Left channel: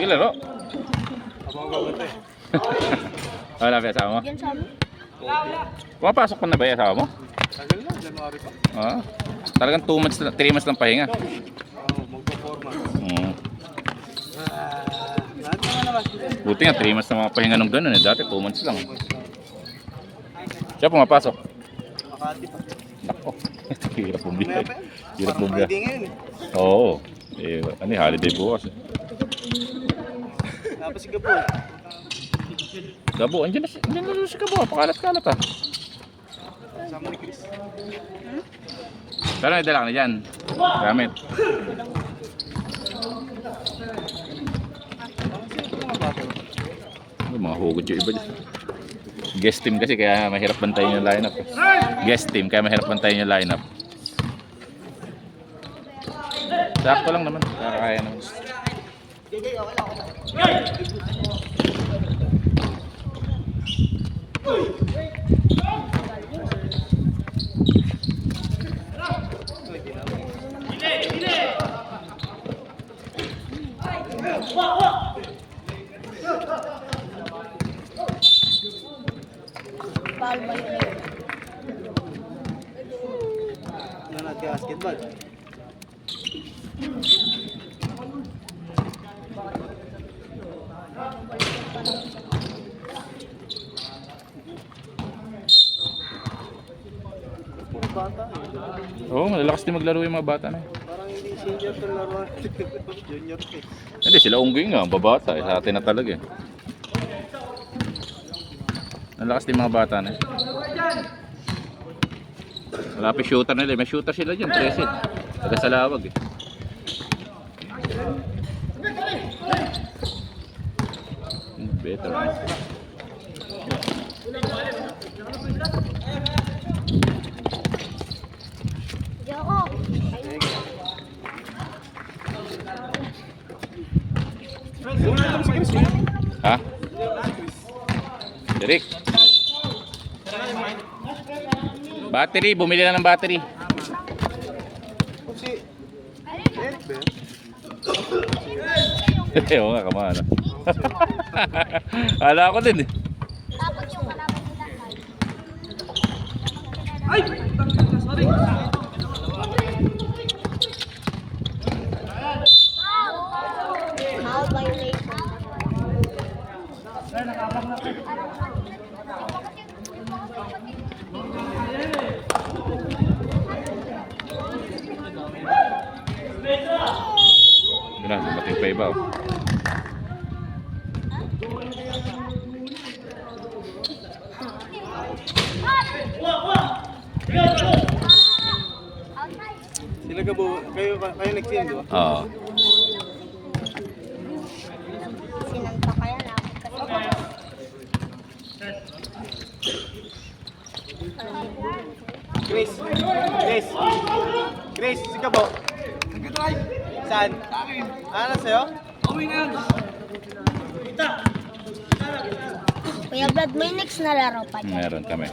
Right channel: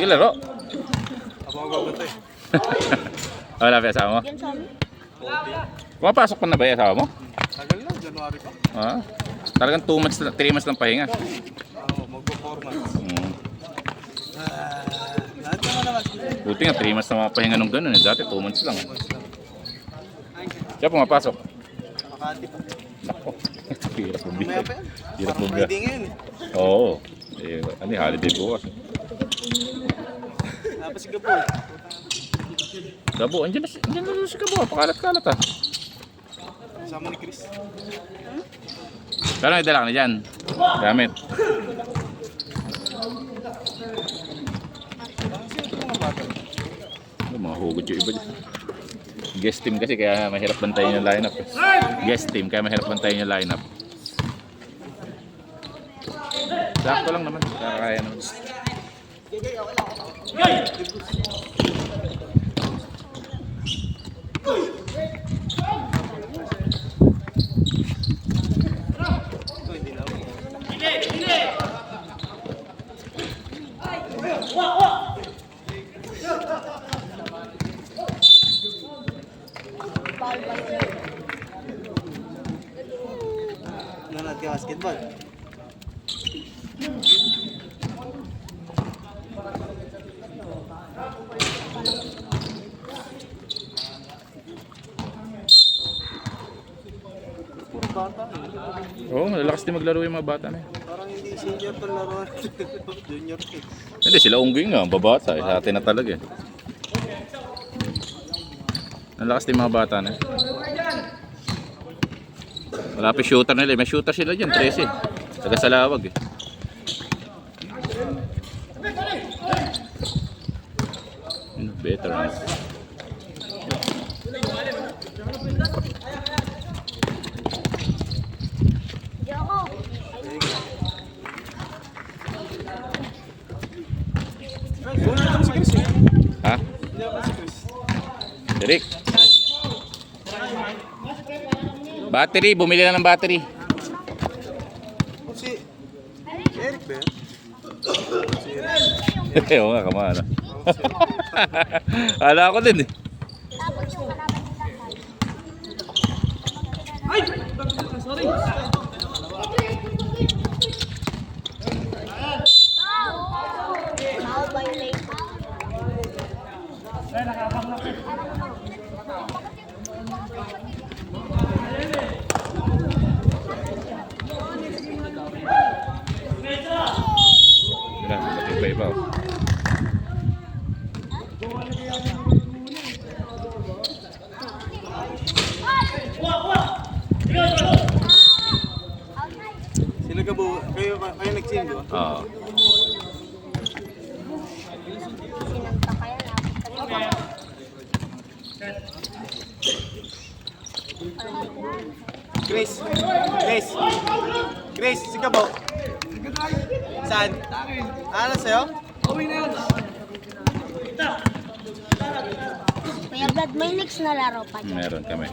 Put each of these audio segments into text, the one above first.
Naglaro? Abang gawin eh. Wala pa yung asawa mo? Yan sa amin. Pumapasok pa na ba yung asawa mo? Tagal lang, January pa. Ah, talagang 2 months, 3 months lang pahinga. Oo, magpa 4 months. Lahat naman naman. Buti nga, 3 months na mga pahinga nung ganun eh. Dati 2 months lang. Siya pumapasok. Makati pa. Nako, hirap bumili. Mamaya pa yan. Hirap Parang bumili. Friday ngayon eh. Oo. Eh, ano yung holiday bukas eh. Napasig ka po. Gabo, andyan na si Gabo. Pakalat-kalat ah. Sama ni Chris. Kala dala ka na dyan. Gamit. Yung mga hugod yung iba dyan. Guest team kasi kaya mahirap bantayin yung lineup. Guest team kaya mahirap bantayin yung lineup. Sakto lang naman. Kaya naman. Nanonood ka basketball. Puro bata. Oo, malalakas din maglaro yung mga bata na eh. Parang hindi senior to laro. Junior eh. Hindi, sila unggoy nga, babata eh. Sa atin na talaga eh. Malalakas din mga bata na eh. Malapit shooter nila eh. May shooter sila dyan, 13. Taga Salawag eh. Better man. Joko. Si Chris eh. Ha? Si Chris. Derek? Battery, bumili na ng battery. Si Eric ba yan? Si Eric. Oo nga, kamana. Hala ako din eh. Tapos yung malaman nila. Foul violation. Wala, bumati pa iba oh. Sila ka po, kayo nag-team di ba? Oo. Sinanta kaya na. Chris. Chris, sige po. Saan? Ano sa'yo? Kuya Brad, may next na laro pa dyan. Meron kami.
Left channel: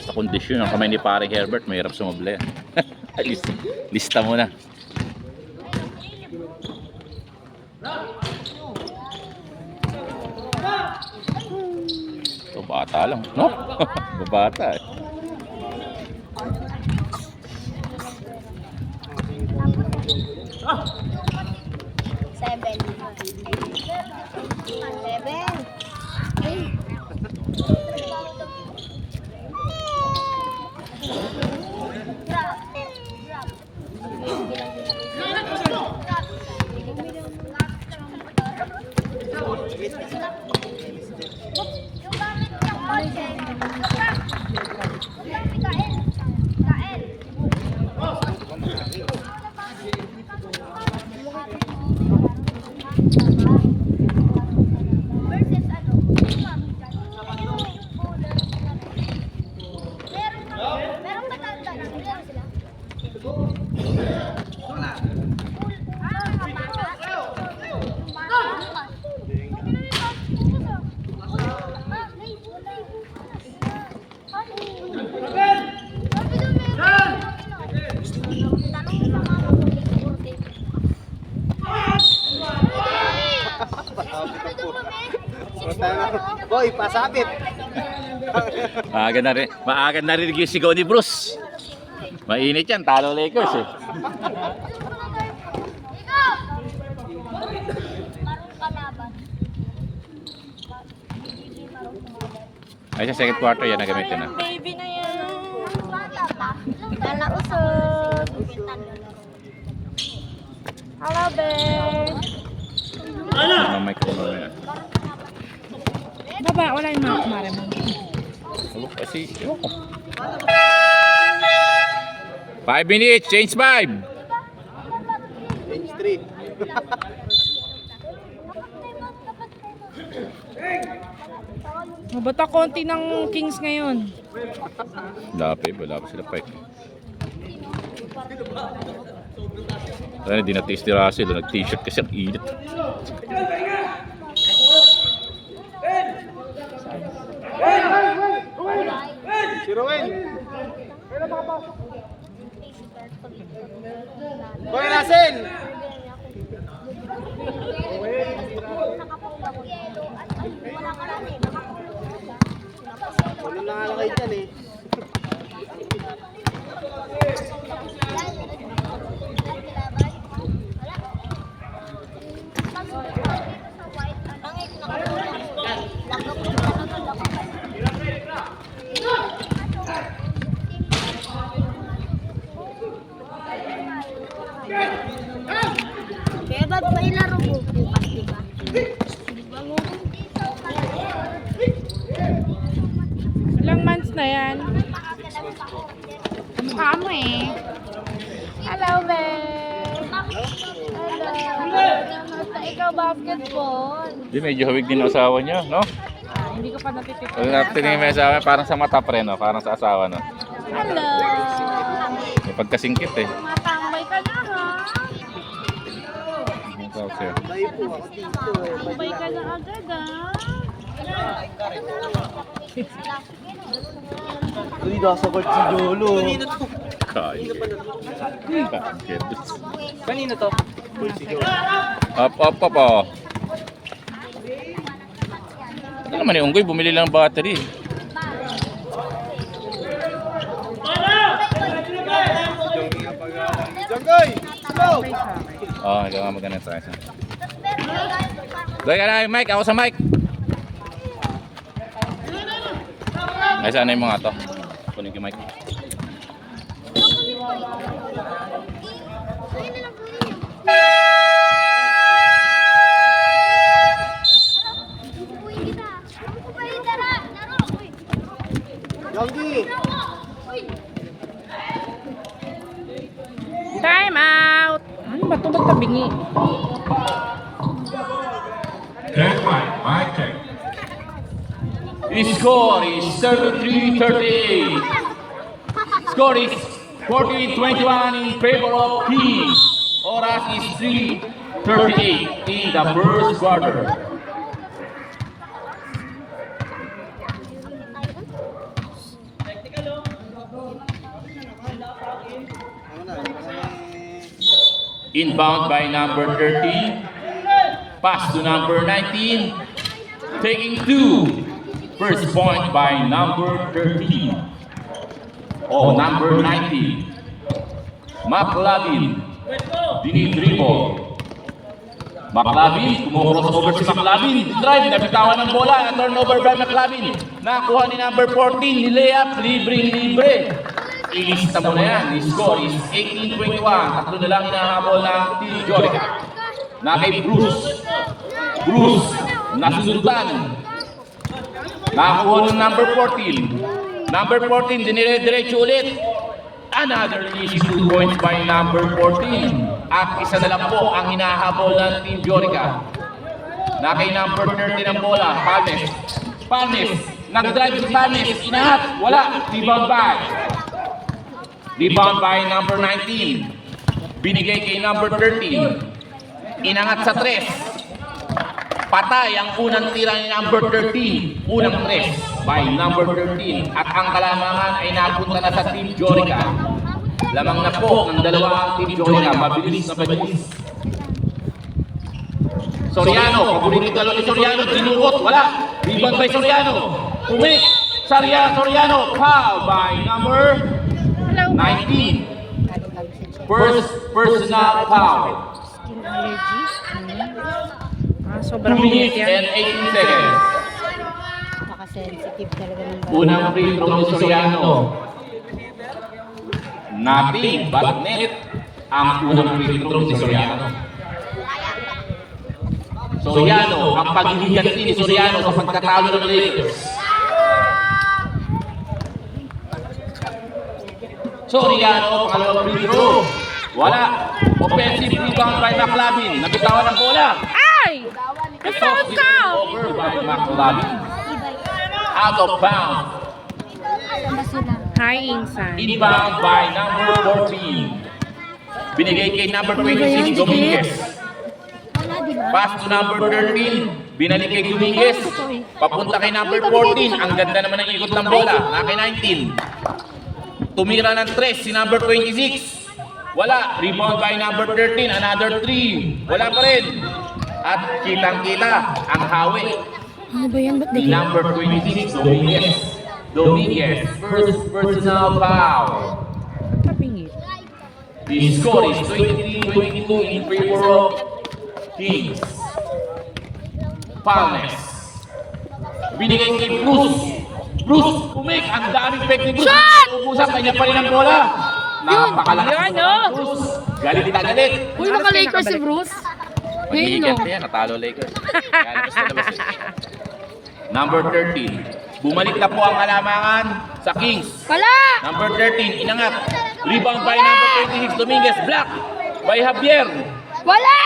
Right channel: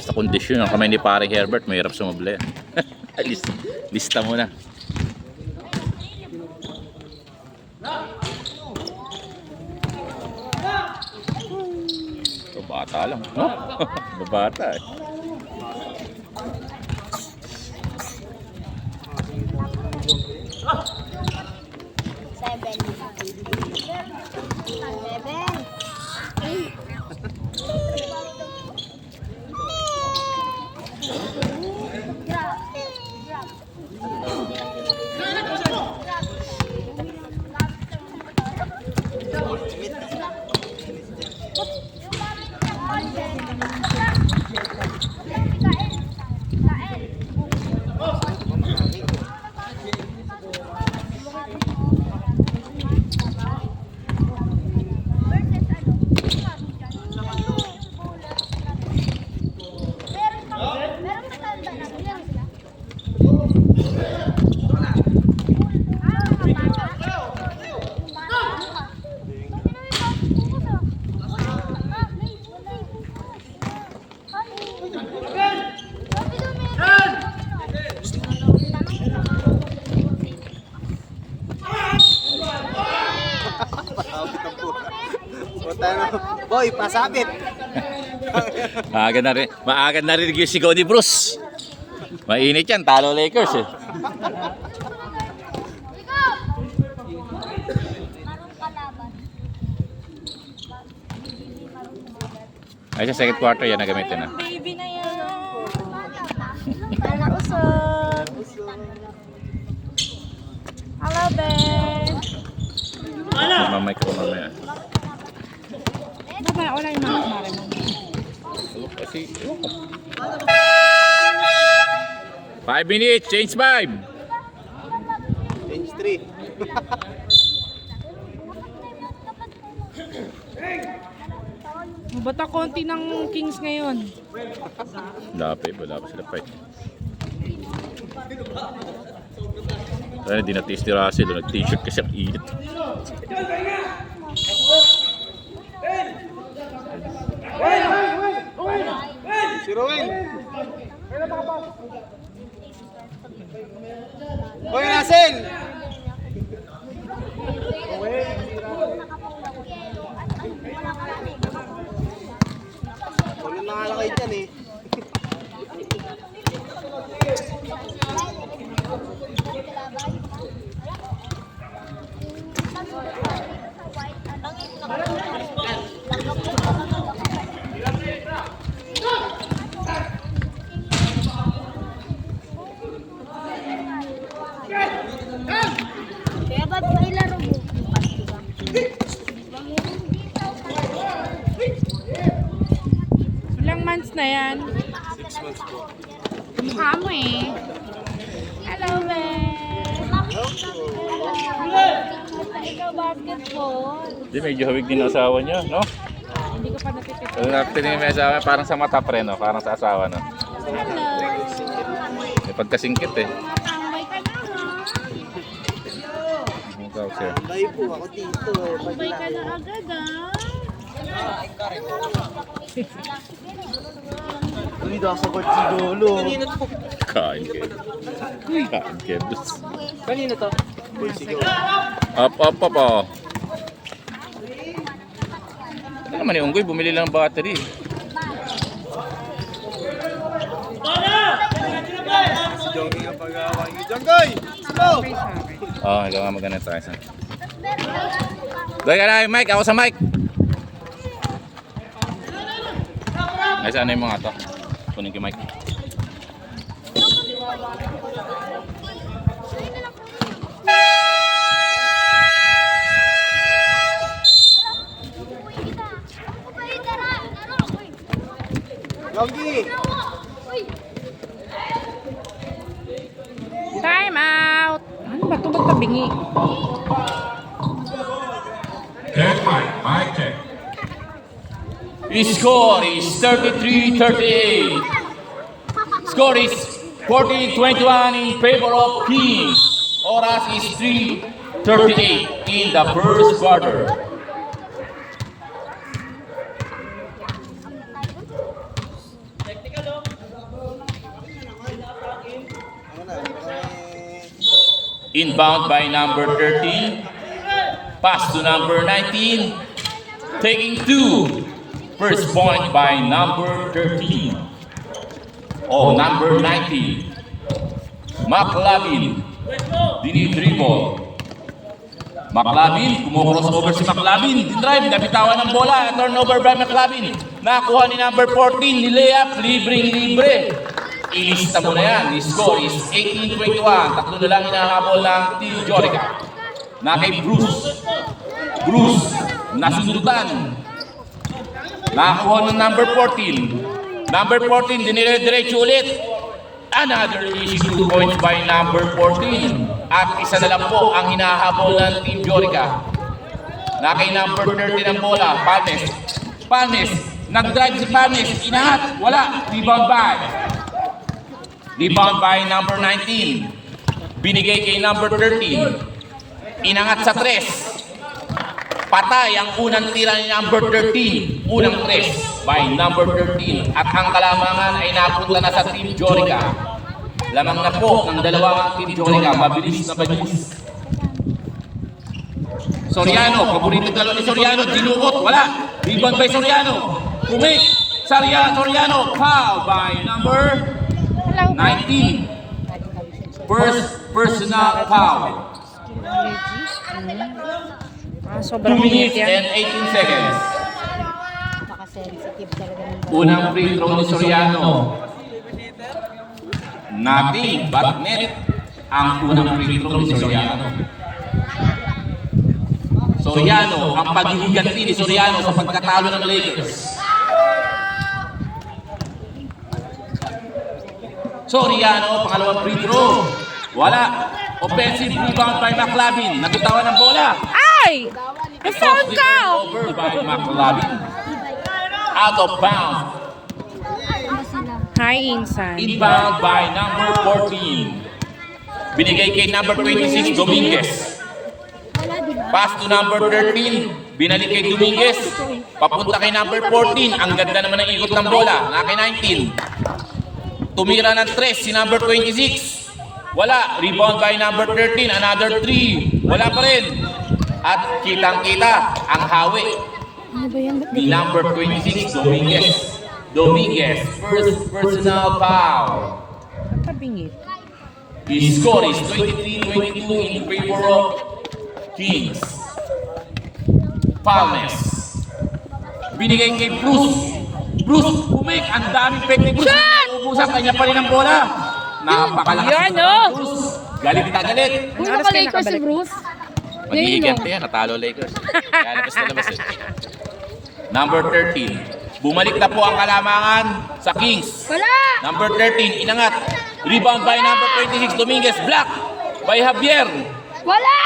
Sa kondisyon ng kamay ni paring Herbert, mahirap sumabli. Lista mo na. Ito bata lang. No? Babata eh. Seven. Hey. Versus ano? Boy, pasabit. Maaga na rin yung sigaw ni Bruce. Mainit yan, talo Lakers eh. Ay, sa second quarter yan na gamitin na. Baby na yan. Kala usog. Hello, Ben. Mamay ko mamaya. Baba, wala yung mga kumare mo. Kasi, 5 minutes, change 5. Bench 3. Mabata konti ng Kings ngayon. Wala pa sila fight. Ay, di na-taste ni Russell, nag-t-shirt kasi ang init. Si Rowan. Boy, Russell. Wala na nga lang kayo dyan eh. Kaya ba't may laro bukas, diba? Ilang months na yan? 6 months po. Kamukha mo eh. Hello, Ben. Hello. Ikaw basketball. Di, medyo hawig din ang asawa niya, no? Hindi ko pa natitipid. Pag natin yung asawa, parang sa mata pre, no? Parang sa asawa, no? Hello. May pagkasingkit eh. Matambay ka na ha. Ikaw, sir. Bay po ako dito. Tambay ka na agad ha. Uy, nasagot si Jolo. Kanina to. Kain kayo. Kain kayo. Kanina to. Up, oh. Ito naman yung unggoy, bumili lang ng battery. Jonggoy! Go! Okay siya, okay. Ikaw nga maganda sa akin. Doy ka na, Mike. Ako sa mic. Nasaan na yung mga to? Kunin ko yung mic. Jonggi! Time out! Ano ba ito? Ba't tabingi? Mic check. The score is 33-38. Score is 14-21 in favor of Kings. Oras is 3:38 in the first quarter. Inbound by number 13. Pass to number 19. Taking 2. First point by number 13. Number 19. McLavin. Dinidribble. McLavin, kumukros over si McLavin. Drive, nabitawan ng bola. Turnover by McLavin. Nakuha ni number 14, ni layup, libre. Ilista mo na yan. The score is 18-21. Tatlo na lang inahabol ng Team Jorica. Na kay Bruce. Bruce, nasundutan. Nakakuha ng number 14. Number 14, dinire-diretso ulit. Another easy 2 points by number 14. At isa na lang po ang hinahabol ng Team Jorica. Na kay number 13 ang bola. Palmes. Nag-drive si Palmes. Inahat. Wala. Rebound by number 19. Binigay kay number 13. Inangat sa 3. Patay ang unang tira ni number 13. Unang 3 by number 13. At ang kalamangan ay napunta na sa Team Jorica. Lamang na po ang dalawang Team Jorica. Mabilis na. Soriano, paborito dalawa ni Soriano, dinukot, wala. Rebound by Soriano. Kumik, Soriano, foul by number Hello. 19. First personal foul. Skin allergy. Ah, 2 sobrang minutes init yan. and 18 seconds. Maka-sensitive talaga ng bata. Unang free throw ni Soriano. Nothing but net ang unang free throw ni Soriano. Soriano, ang paghihiganti ni Soriano sa pagkatalo ng Lakers. Soriano, pangalawang free throw. Wala. Offensive rebound by McLavin. Nabitawan ng bola. Ay! Na-foul ka! Over by McLavin. Out of bounds. Hi, Insan. Inbound by number 14. Binigay kay number 26, Dominguez. Pass to number 13. Binalik kay Dominguez. Papunta kay number 14. Ang ganda naman ng ikot ng bola. Na kay 19. Tumira ng 3 si number 26. Wala. Rebound by number 13. Another 3. Wala pa rin. At kitang-kita ang hawi. Ano ba yan? Ba't Ni number 26, Dominguez. First personal foul. Ba't tabingit? The score is 23-22 in favor of Kings. Foulness. Binigay kay Bruce. Bruce, umik. Ang daming pek ni Bruce. Ubusan, kanya pa rin ang bola. Napakalakas. Yan, oh. Bruce. Galit na galit. Uy, naka-Lakers si Bruce. Magigigit yan. Natalo Lakers. Lalabas na labas eh. Number 13. Bumalik na po ang kalamangan sa Kings. Wala! Number 13, inangat. Rebound by number 26, Dominguez. Block by Javier. Wala!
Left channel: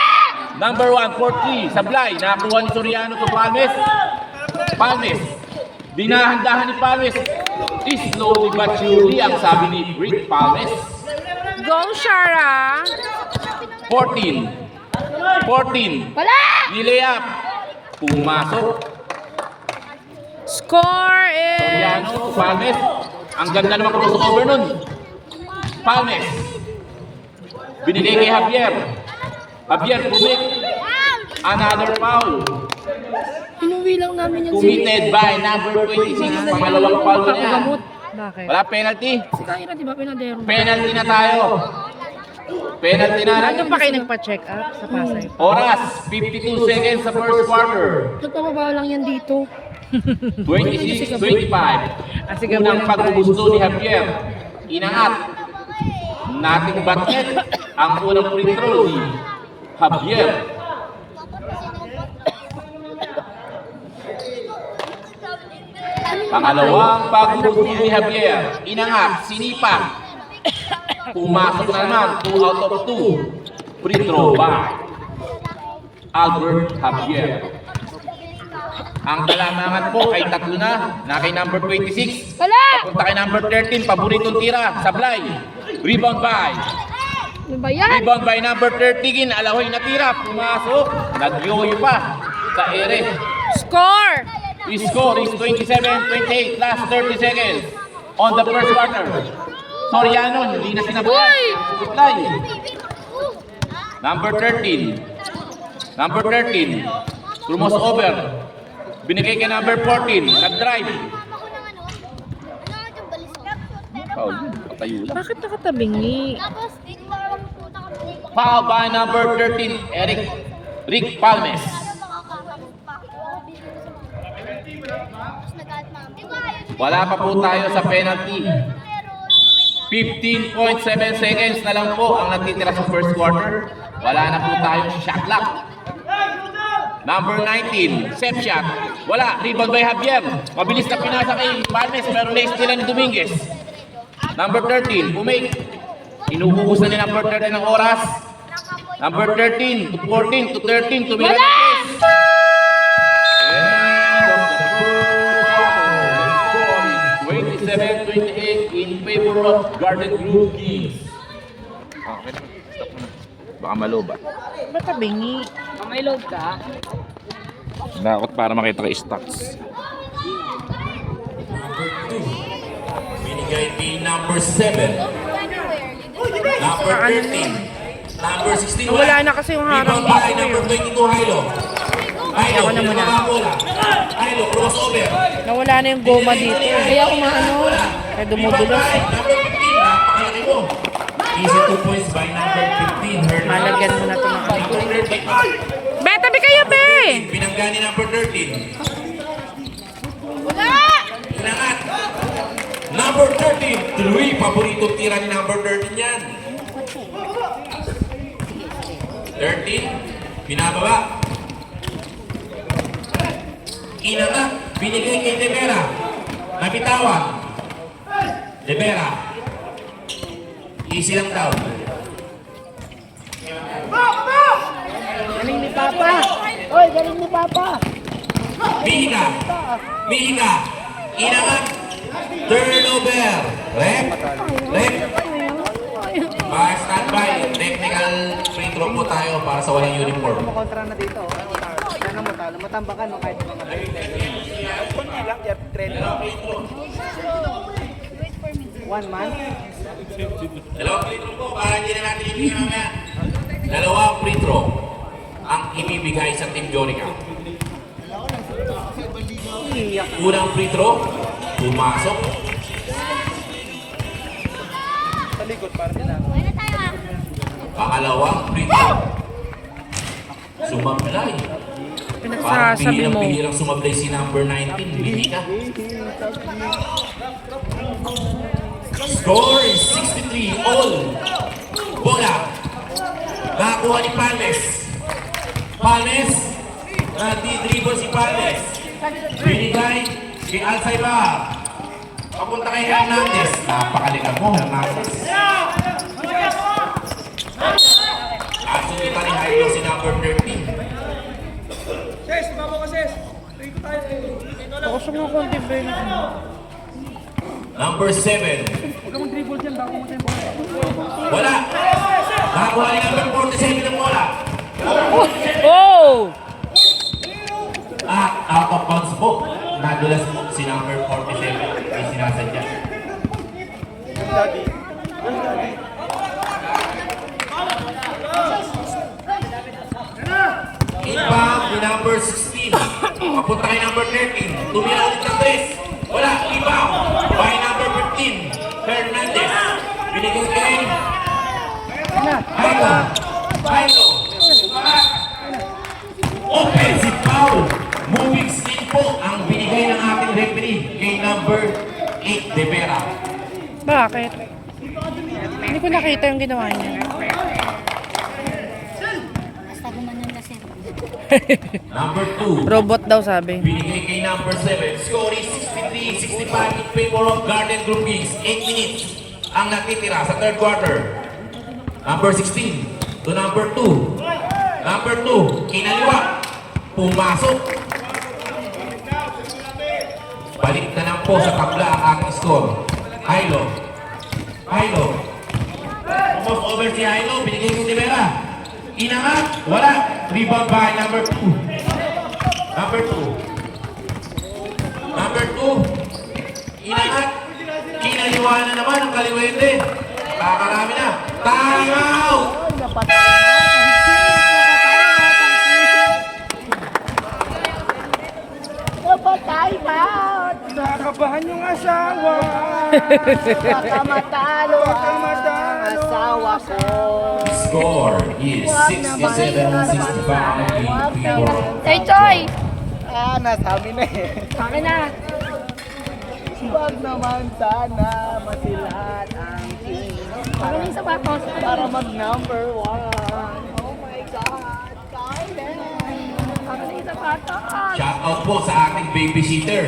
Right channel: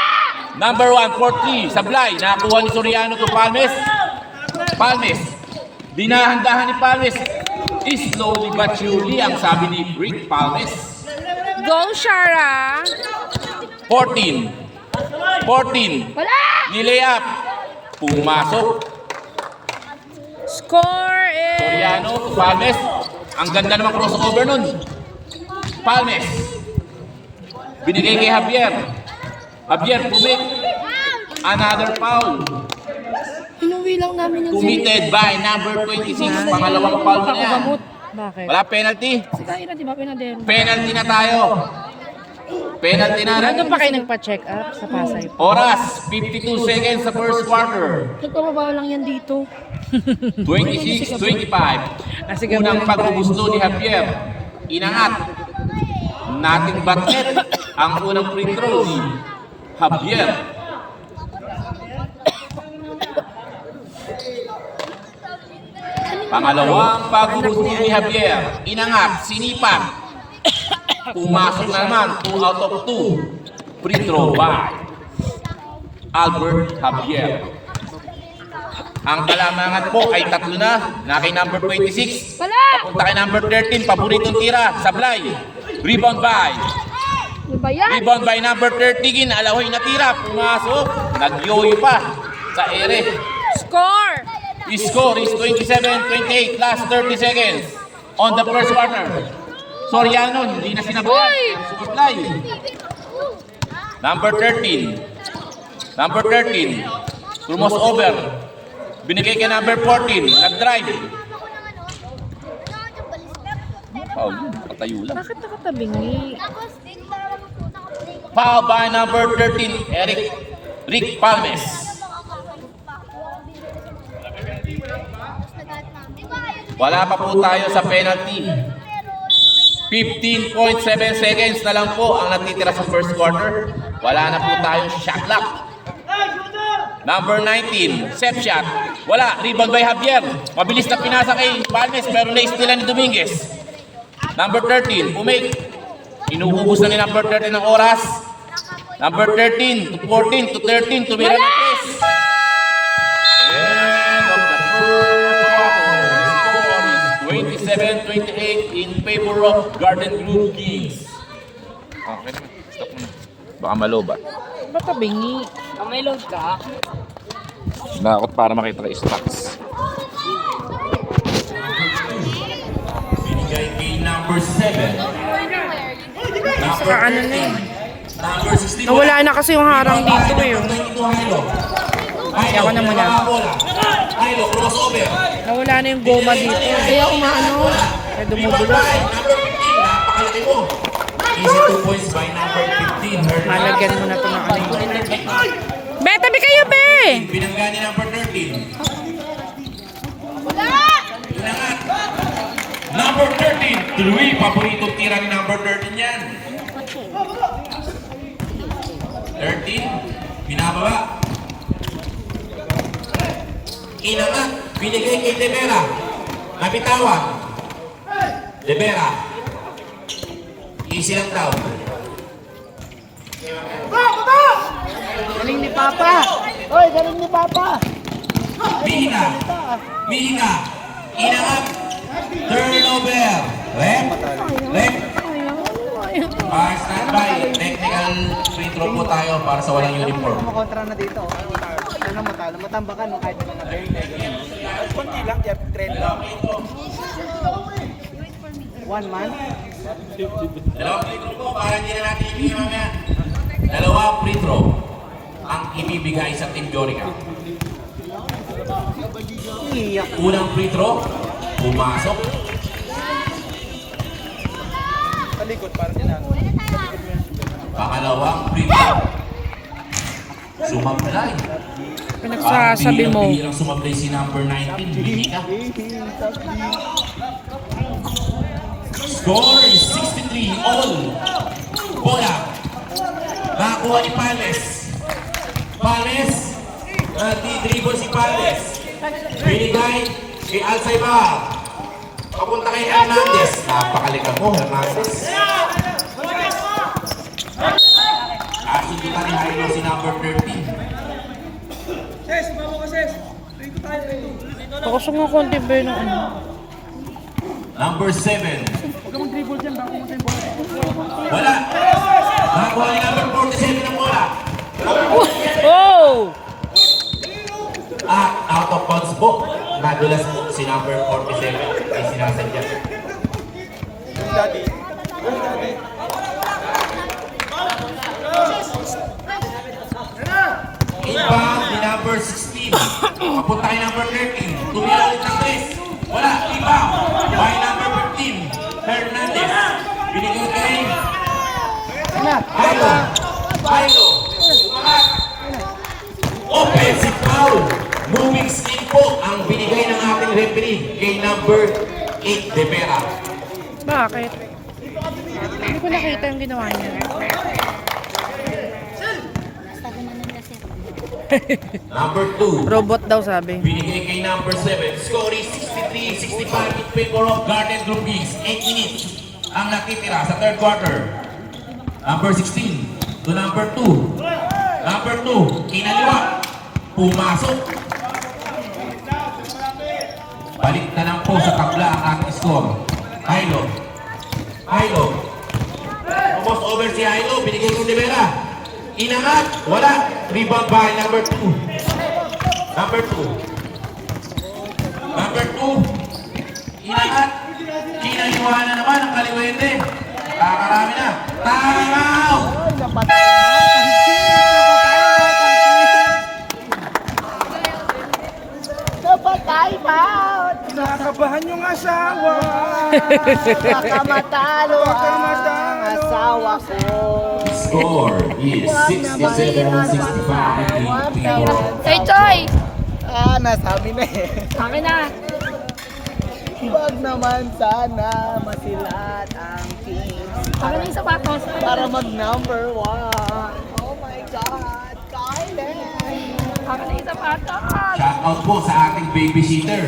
Number 1, 4-3, Sablay. Nakakuha ni Soriano to Palmes. Palmes. Dinahandahan ni Palmes. Slowly but surely, ang sabi ni Rick Palmes. Go, Shara! 14. Wala! Nilayap. Pumasok. Score is... Soriano to Palmes. Ang ganda naman crossover nun. Palmes. Binigay kay Javier. Javier, pumit. Another foul. Inuwi lang namin yung Committed by number 26. Pangalawang foul na yan. Bakit? Wala penalty. Si Kaira, di ba, pinadero? Penalty na tayo. Penalty na. Ano pa kayo nagpa-check up sa Pasay? Oras, 52 seconds sa first quarter. Nagpapabaw lang yan dito. 26-25. Ah, sige, Unang muna. pagbubusto ni Javier. Inangat. Nating bakit ang unang free throw ni Javier. Pangalawang pagbubusto ni Javier. Inangat, sinipak. Pumasok na naman, 2 out of 2. Free throw by Albert Javier. Ang kalamangan po ay tatlo na kay number 26. Wala! Papunta kay number 13, paboritong tira, Sablay. Rebound by. Ano ba yan? Rebound by number 13, Alahoy na tira, pumasok. Nagyoyo pa sa ere. Score! The score is 27-28, last 30 seconds on the first quarter. Soriano, hindi na sinabayan. Supply. Number 13. Number 13. Crumos over. Binigay kay number 14. Nag-drive. Foul yun. Patayo lang. Bakit nakatabingi? Foul by number 13. Rick Palmes. Wala pa po tayo sa penalty. 15.7 seconds na lang po ang natitira sa first quarter. Wala na po tayo shot clock. Number 19, set shot. Wala, rebound by Javier. Mabilis na pinasa kay Palmes pero lace nila ni Dominguez. Number 13, umake. Inuubos na ni number 13 ng oras. Number 13 to 14 to 13, tumira ng press. End of the first quarter. Score is 27-28 in favor of Garden Grove Kings. Okay na, stop na. Baka malobat. Ba't tabingi? May load ka? Nakakot para makita kay stocks. Binigay kay number 7. Number 13. Number 16. Nawala na kasi yung harang Rebound by dito eh. number 22, Hilo. Hilo, Ako na muna. pinababa bola. Hilo, crossover. Nawala na yung goma dito. Kaya umaano. O dumudulos. Number 15, napakalaki mo. Easy 2 points by number 15. Hernandez. Malagyan mo na ito ng Be, tabi kayo, be! Binangga ni number 13. Inangat. Number 13, tuloy. Paborito tira ni number 13 yan. 13, binababa. Inangat, binigay kay De Vera. Nabitawan. De Vera. Easy lang daw. Galing ni Papa. Oy, galing ni Papa. Mihina. Mihina. Inangat. Turnover. Left. Left. Standby. Technical free throw po tayo para sa walang uniform. Kontra na dito. Ano matalo? Matambakan mo kahit mga konti lang, kaya trend lang. 1 man. Dalawang free throw po para hindi na natin ibigay mamaya. Dalawang free throw ang ibibigay sa Team Jorica. Unang free throw, pumasok. Pangalawang free throw, sumablay. Pinagsasabi mo. Bilang sumablay si number 19, Bihina. Score is 63 all. Bola. Nakakuha ni Pales. Pales. Di-dribble si Pales. Binigay kay Alzaibar. Papunta kay Hernandez. Napakalikan mo, Hernandez. Kasundutan ni Jairo si number 13. Ses, mama ko ses. Rito tayo. Ako sa mga konti, be, na ano. Number 7. Wala. Nakakuha ni number 47 ng bola. Oh! Out of bounds po. Nadulas si number 47 ay sinasadya. Inbound ni number 16. Papunta kay number 13. Tumira ulit ng 3. Wala. Inbound by number 15. Hernandez. Binigay kay Jairo. Jairo. Offensive foul. Moving stick po ang binigay ng ating referee kay number 8 De Vera. Bakit? Hindi ko nakita yung ginawa niya. Number 2. Robot daw sabi. Binigay kay number 7. Score is 63-65 in favor of Garden Groupies. 8 minutes ang nakitira sa third quarter. Number 16 to number 2. Number 2, kinaliwa. Pumasok. Balik na lang po sa kabla ang ating score. Hilo. Hilo. Almost over si Hilo. Binigay kay Rivera. Inangat. Wala. Rebound by number 2. Number 2. Number 2. Inangat. Kinaliwa na naman ang kaliwende. Pakarami na. Time out! Nakabahan yung asawa. Matalo ang asawa ko. Score is 67-65 in favor of Hey, Choy! Nasabi na eh. Sabi na. Wag naman sana masilat ang team Sabi na yung sapatos. para mag-number 1. Oh my God, Kylie! Sabi na yung sapatos. shout out po sa ating babysitter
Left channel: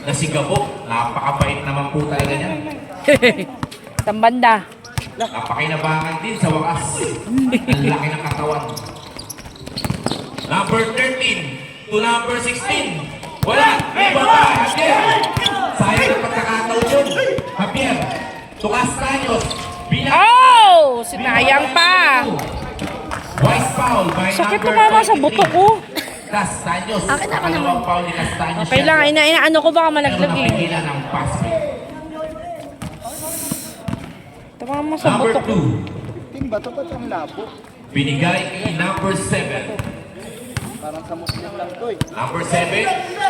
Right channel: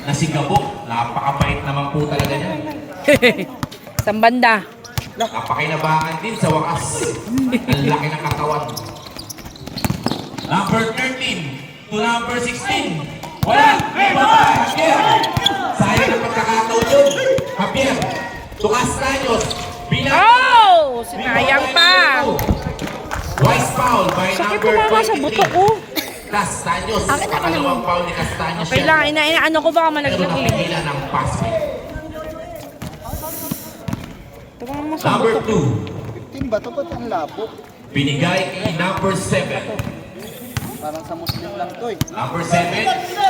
na si Gabo. Napakabait naman po talaga niya. Sambanda. Napakinabangan din sa wakas. Ang laki ng katawan. Number 13 to number 16. Wala! Ibaba! Javier! Sayang ang pagkakataon yun. Javier! To Castaños. Oh! Sinayang pa! Wise foul by Sakit number tumama sa 23. buto ko. Castaños. Akin ako naman. Dalawang foul ni Castaños Okay lang, ano ko baka Pero malaglag eh. napigilan ng pass break. Tumama sa Number buto ko. 2. Muslim ba? Ito ba't ang labo? Binigay kay number 7. Parang sa Muslim lang to eh. Number 7,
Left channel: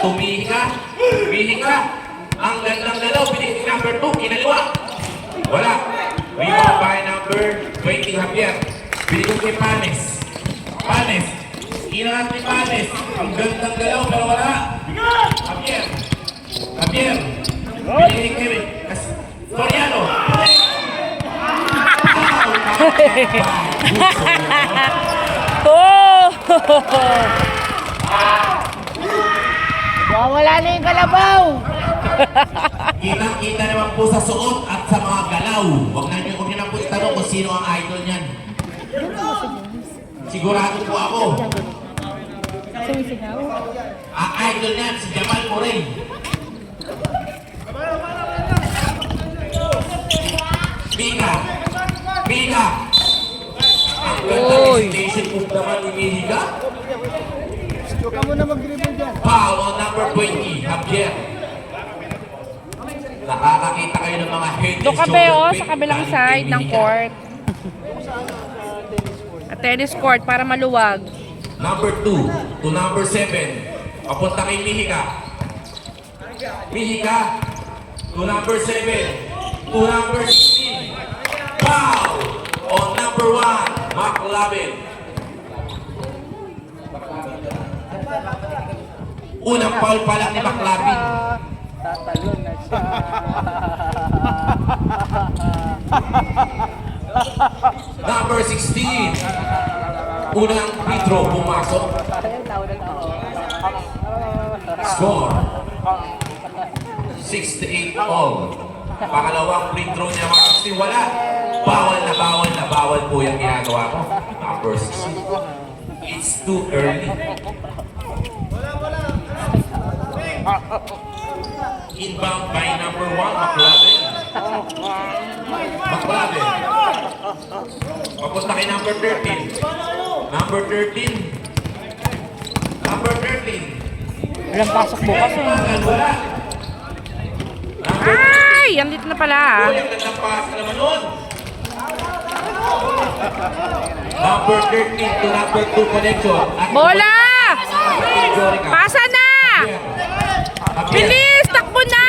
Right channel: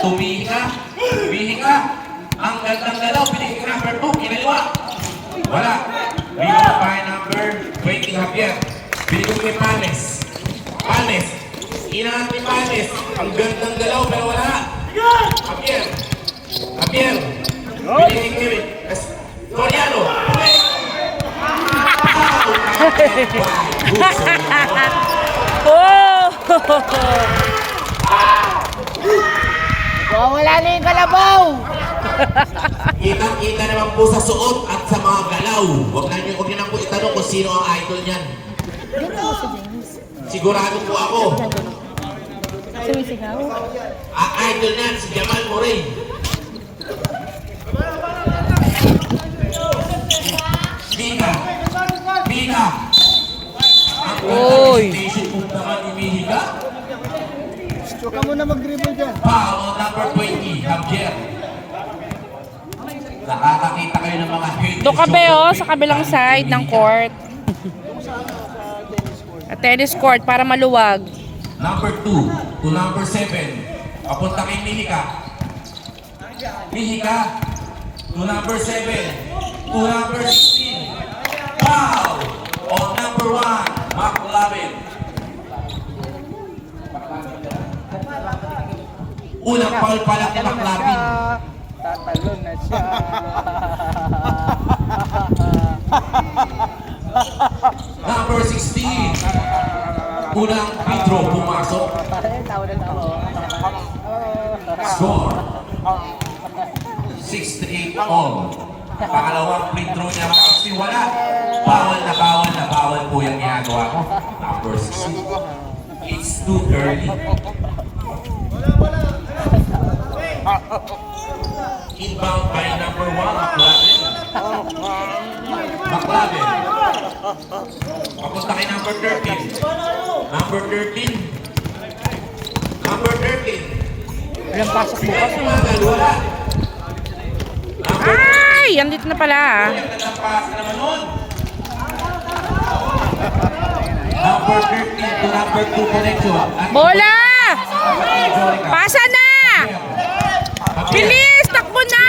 tumika. Bihika. Ang gandang galaw, binigay kay number 2. Kinaliwa. Wala. Rebound by number 20, Javier. Binigay kay Panes. Panes. Inaat ni Panes. Ang gandang galaw, pero wala. Javier. Javier. Binigay kay Soriano. Oh! Wala na yung kalabaw. Kitang-kita naman po sa suot at sa mga galaw. Huwag niyo na po itanong kung sino ang idol niyan. Sigurado po ako. Sumisigaw. Ang idol niyan, si Jamal Moray. Biga! Biga! Ang Oy. presentation po naman ni Mihiga. Huwag ka muna mag-dribble dyan. Foul on number 20, Javier. Nakakakita kayo ng mga head and Doon ka ba shoulder sa kabilang side ng court? At tennis court para maluwag. Number 2 to number 7. Papunta kay Mihiga. Mihiga to number 7 to number 16. Foul on number 1, McLovin. Unang foul pa lang ni McLovin. Tatalon na siya. Number 16. Unang free throw pumasok. Score 6-8 all. Pangalawang free throw niya mga kasi wala. Bawal po yung ginagawa ko. Number 16. It's too early. Inbound by number 1, McLovin. McLovin. Papunta kay number 13. Number 13. Number 13. Walang pasok bukas. Wala. Ay! Andito na pala ah. Number 13 to number 2 connection. Bola! Pasa na! Bilis! Takbo na!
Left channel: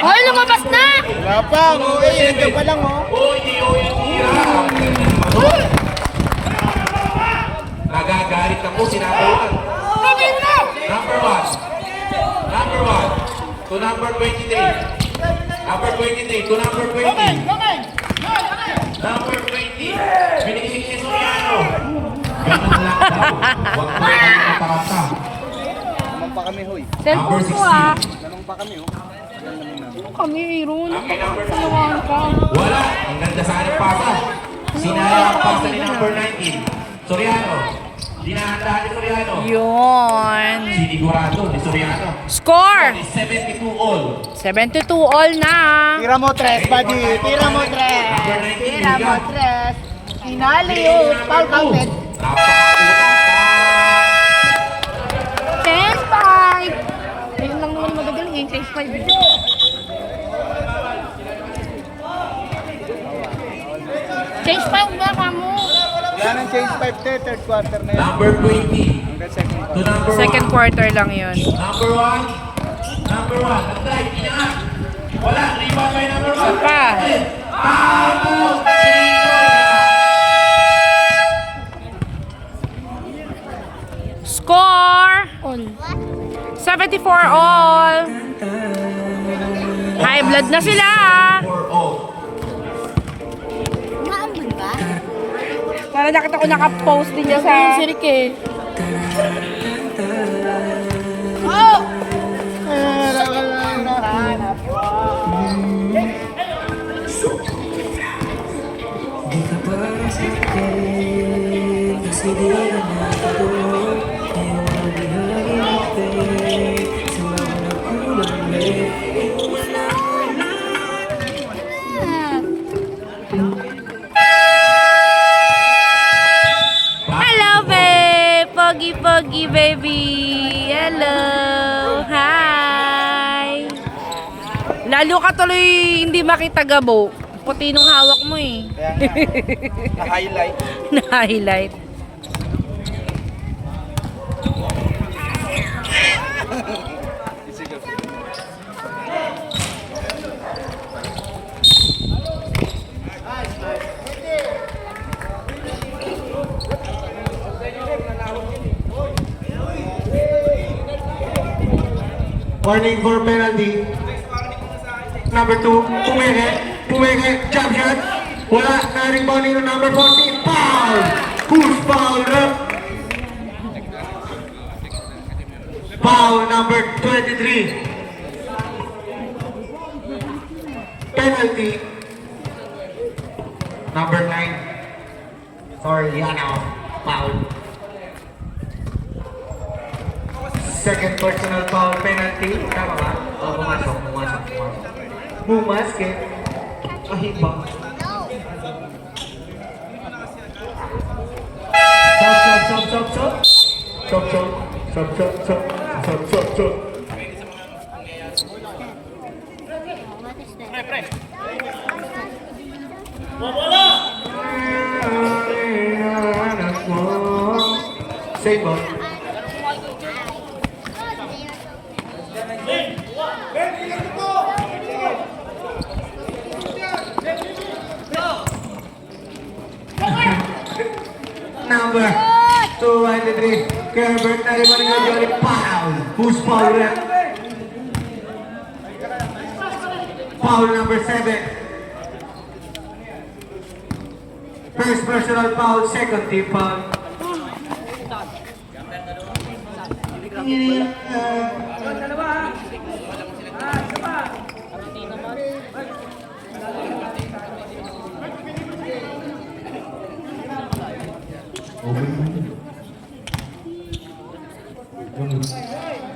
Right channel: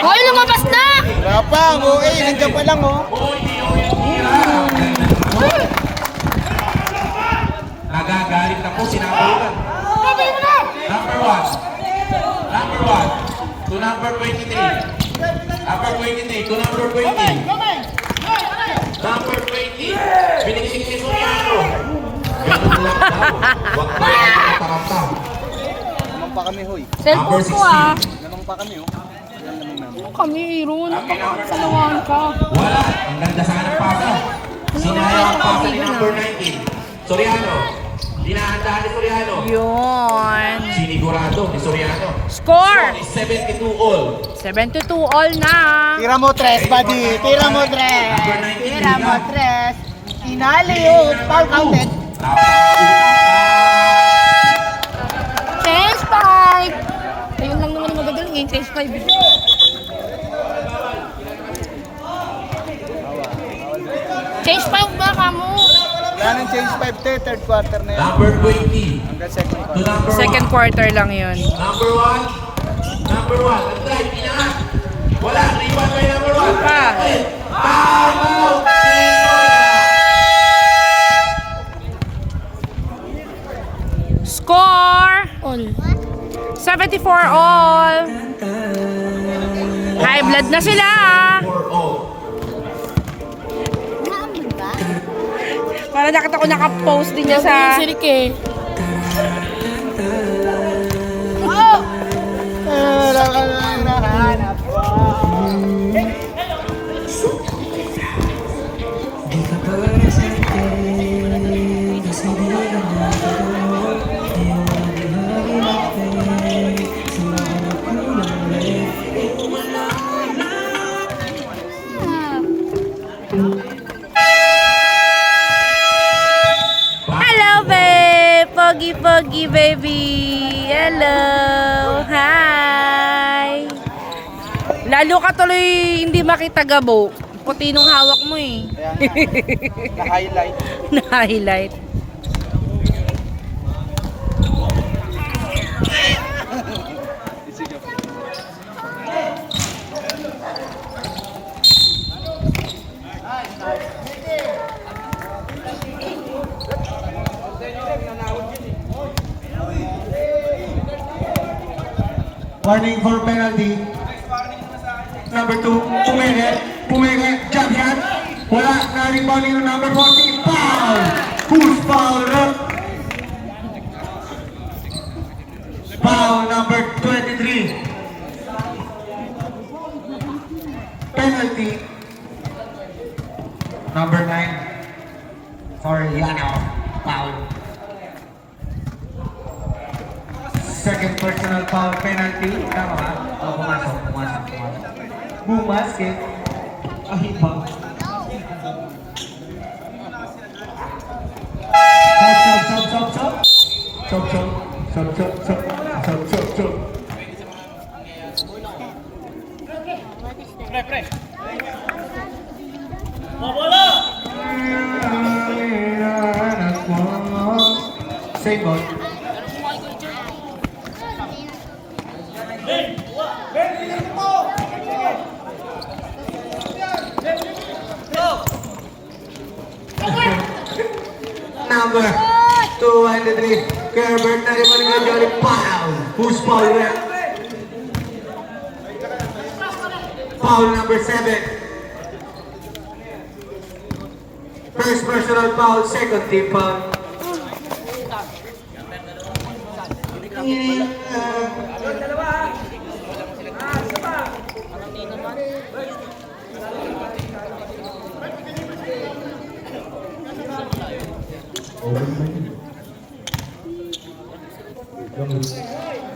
Hoy, lumabas na! Wala pa, okay. Nandiyan pa lang oh. Nagagalit ako, sinabawan. Number 1. Number 1 to number 23. Number 23 to number 20. Number 20. Binigay si Soriano. Ganun lang daw. Huwag mo na nakakata. Naman pa kami hoy. Number Cellphone mo ah. 16. Naman pa kami oh. Yan naman namin. Kami, Ron. Okay, number 9. Saan ka? Wala. Ang ganda sa anong pasa. Sinayang ang pasa ni number 19. Soriano. Dinahandahan ni Soriano. Yun. Sinigurado ni Soriano. Score! 72 all. 72 all na. Tira mo tres, buddy. Tira mo tres. Tira mo tres. Inali oh. Foul counted. Change 5! Ayun lang naman magagaling yung change 5. Change 5 ba kamo? Wala nang change 5 te. Third quarter na yan. Number 20 Hanggang second. to number 1. Second quarter lang yun. Number 1. Number 1. Ang drive, pinaka. Wala. Rebound by number 1. Pa. Score! All. 74 all. High blood na sila. For all. Para nakita ko naka-post din niya sa... Si Rick eh. Di ka para sa akin, kasi di ka nakatulog. Di mo mabihagin sa mga kulang Hello, babe! Pogi, baby! Hello! Hi! Lalo ka tuloy hindi makita gabo. puti nung hawak mo eh. Kaya nga, na-highlight. Na-highlight. Warning for penalty. Number 2, Pumege, jump shot. Wala, na-rebounding ng number 14, foul! Push foul, foul number 23. Penalty. Number 9. Sorry, foul. Second personal foul penalty. Tama ba? Oh, pumasok. Bumasket. Ahiba. Stop. Same ball. Number 203, Herbert na rin Jory, foul! Who's foul rep? Foul number 7. First personal foul, second team foul.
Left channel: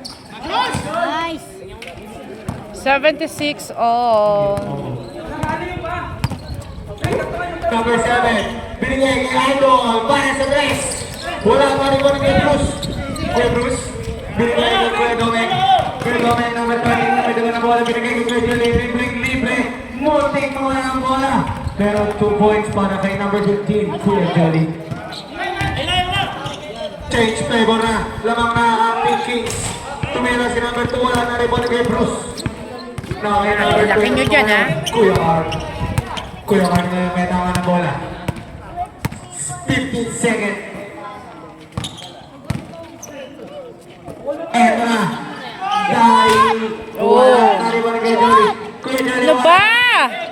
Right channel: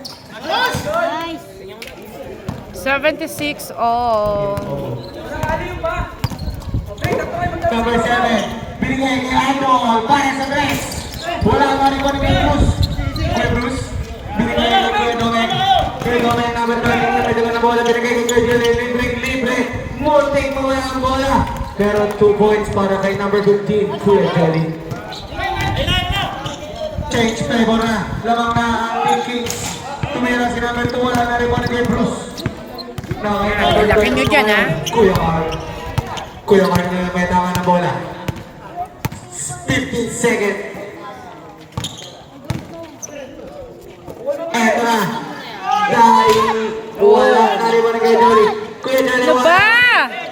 Nice. 76 all. Number 7, binigay kay Aldo para sa dress. Wala pa rin kay Bruce. Binigay kay Kuya Domeng. Kuya Domeng, number 13, medyo na bola. Binigay kay Kuya Jory, libre. Muntik mo nga ang bola. Pero 2 points para kay number 15, Kuya Jory. Change favor na. Lamang na ang Big Kings. Tumira si number 2, wala na rin kay Bruce. Laki nyo dyan, ha? Kuya Carl na may tama na bola. 15 seconds. Eto na. Dahil wala na rin kay Jory. Kuya Jory, Ano ba?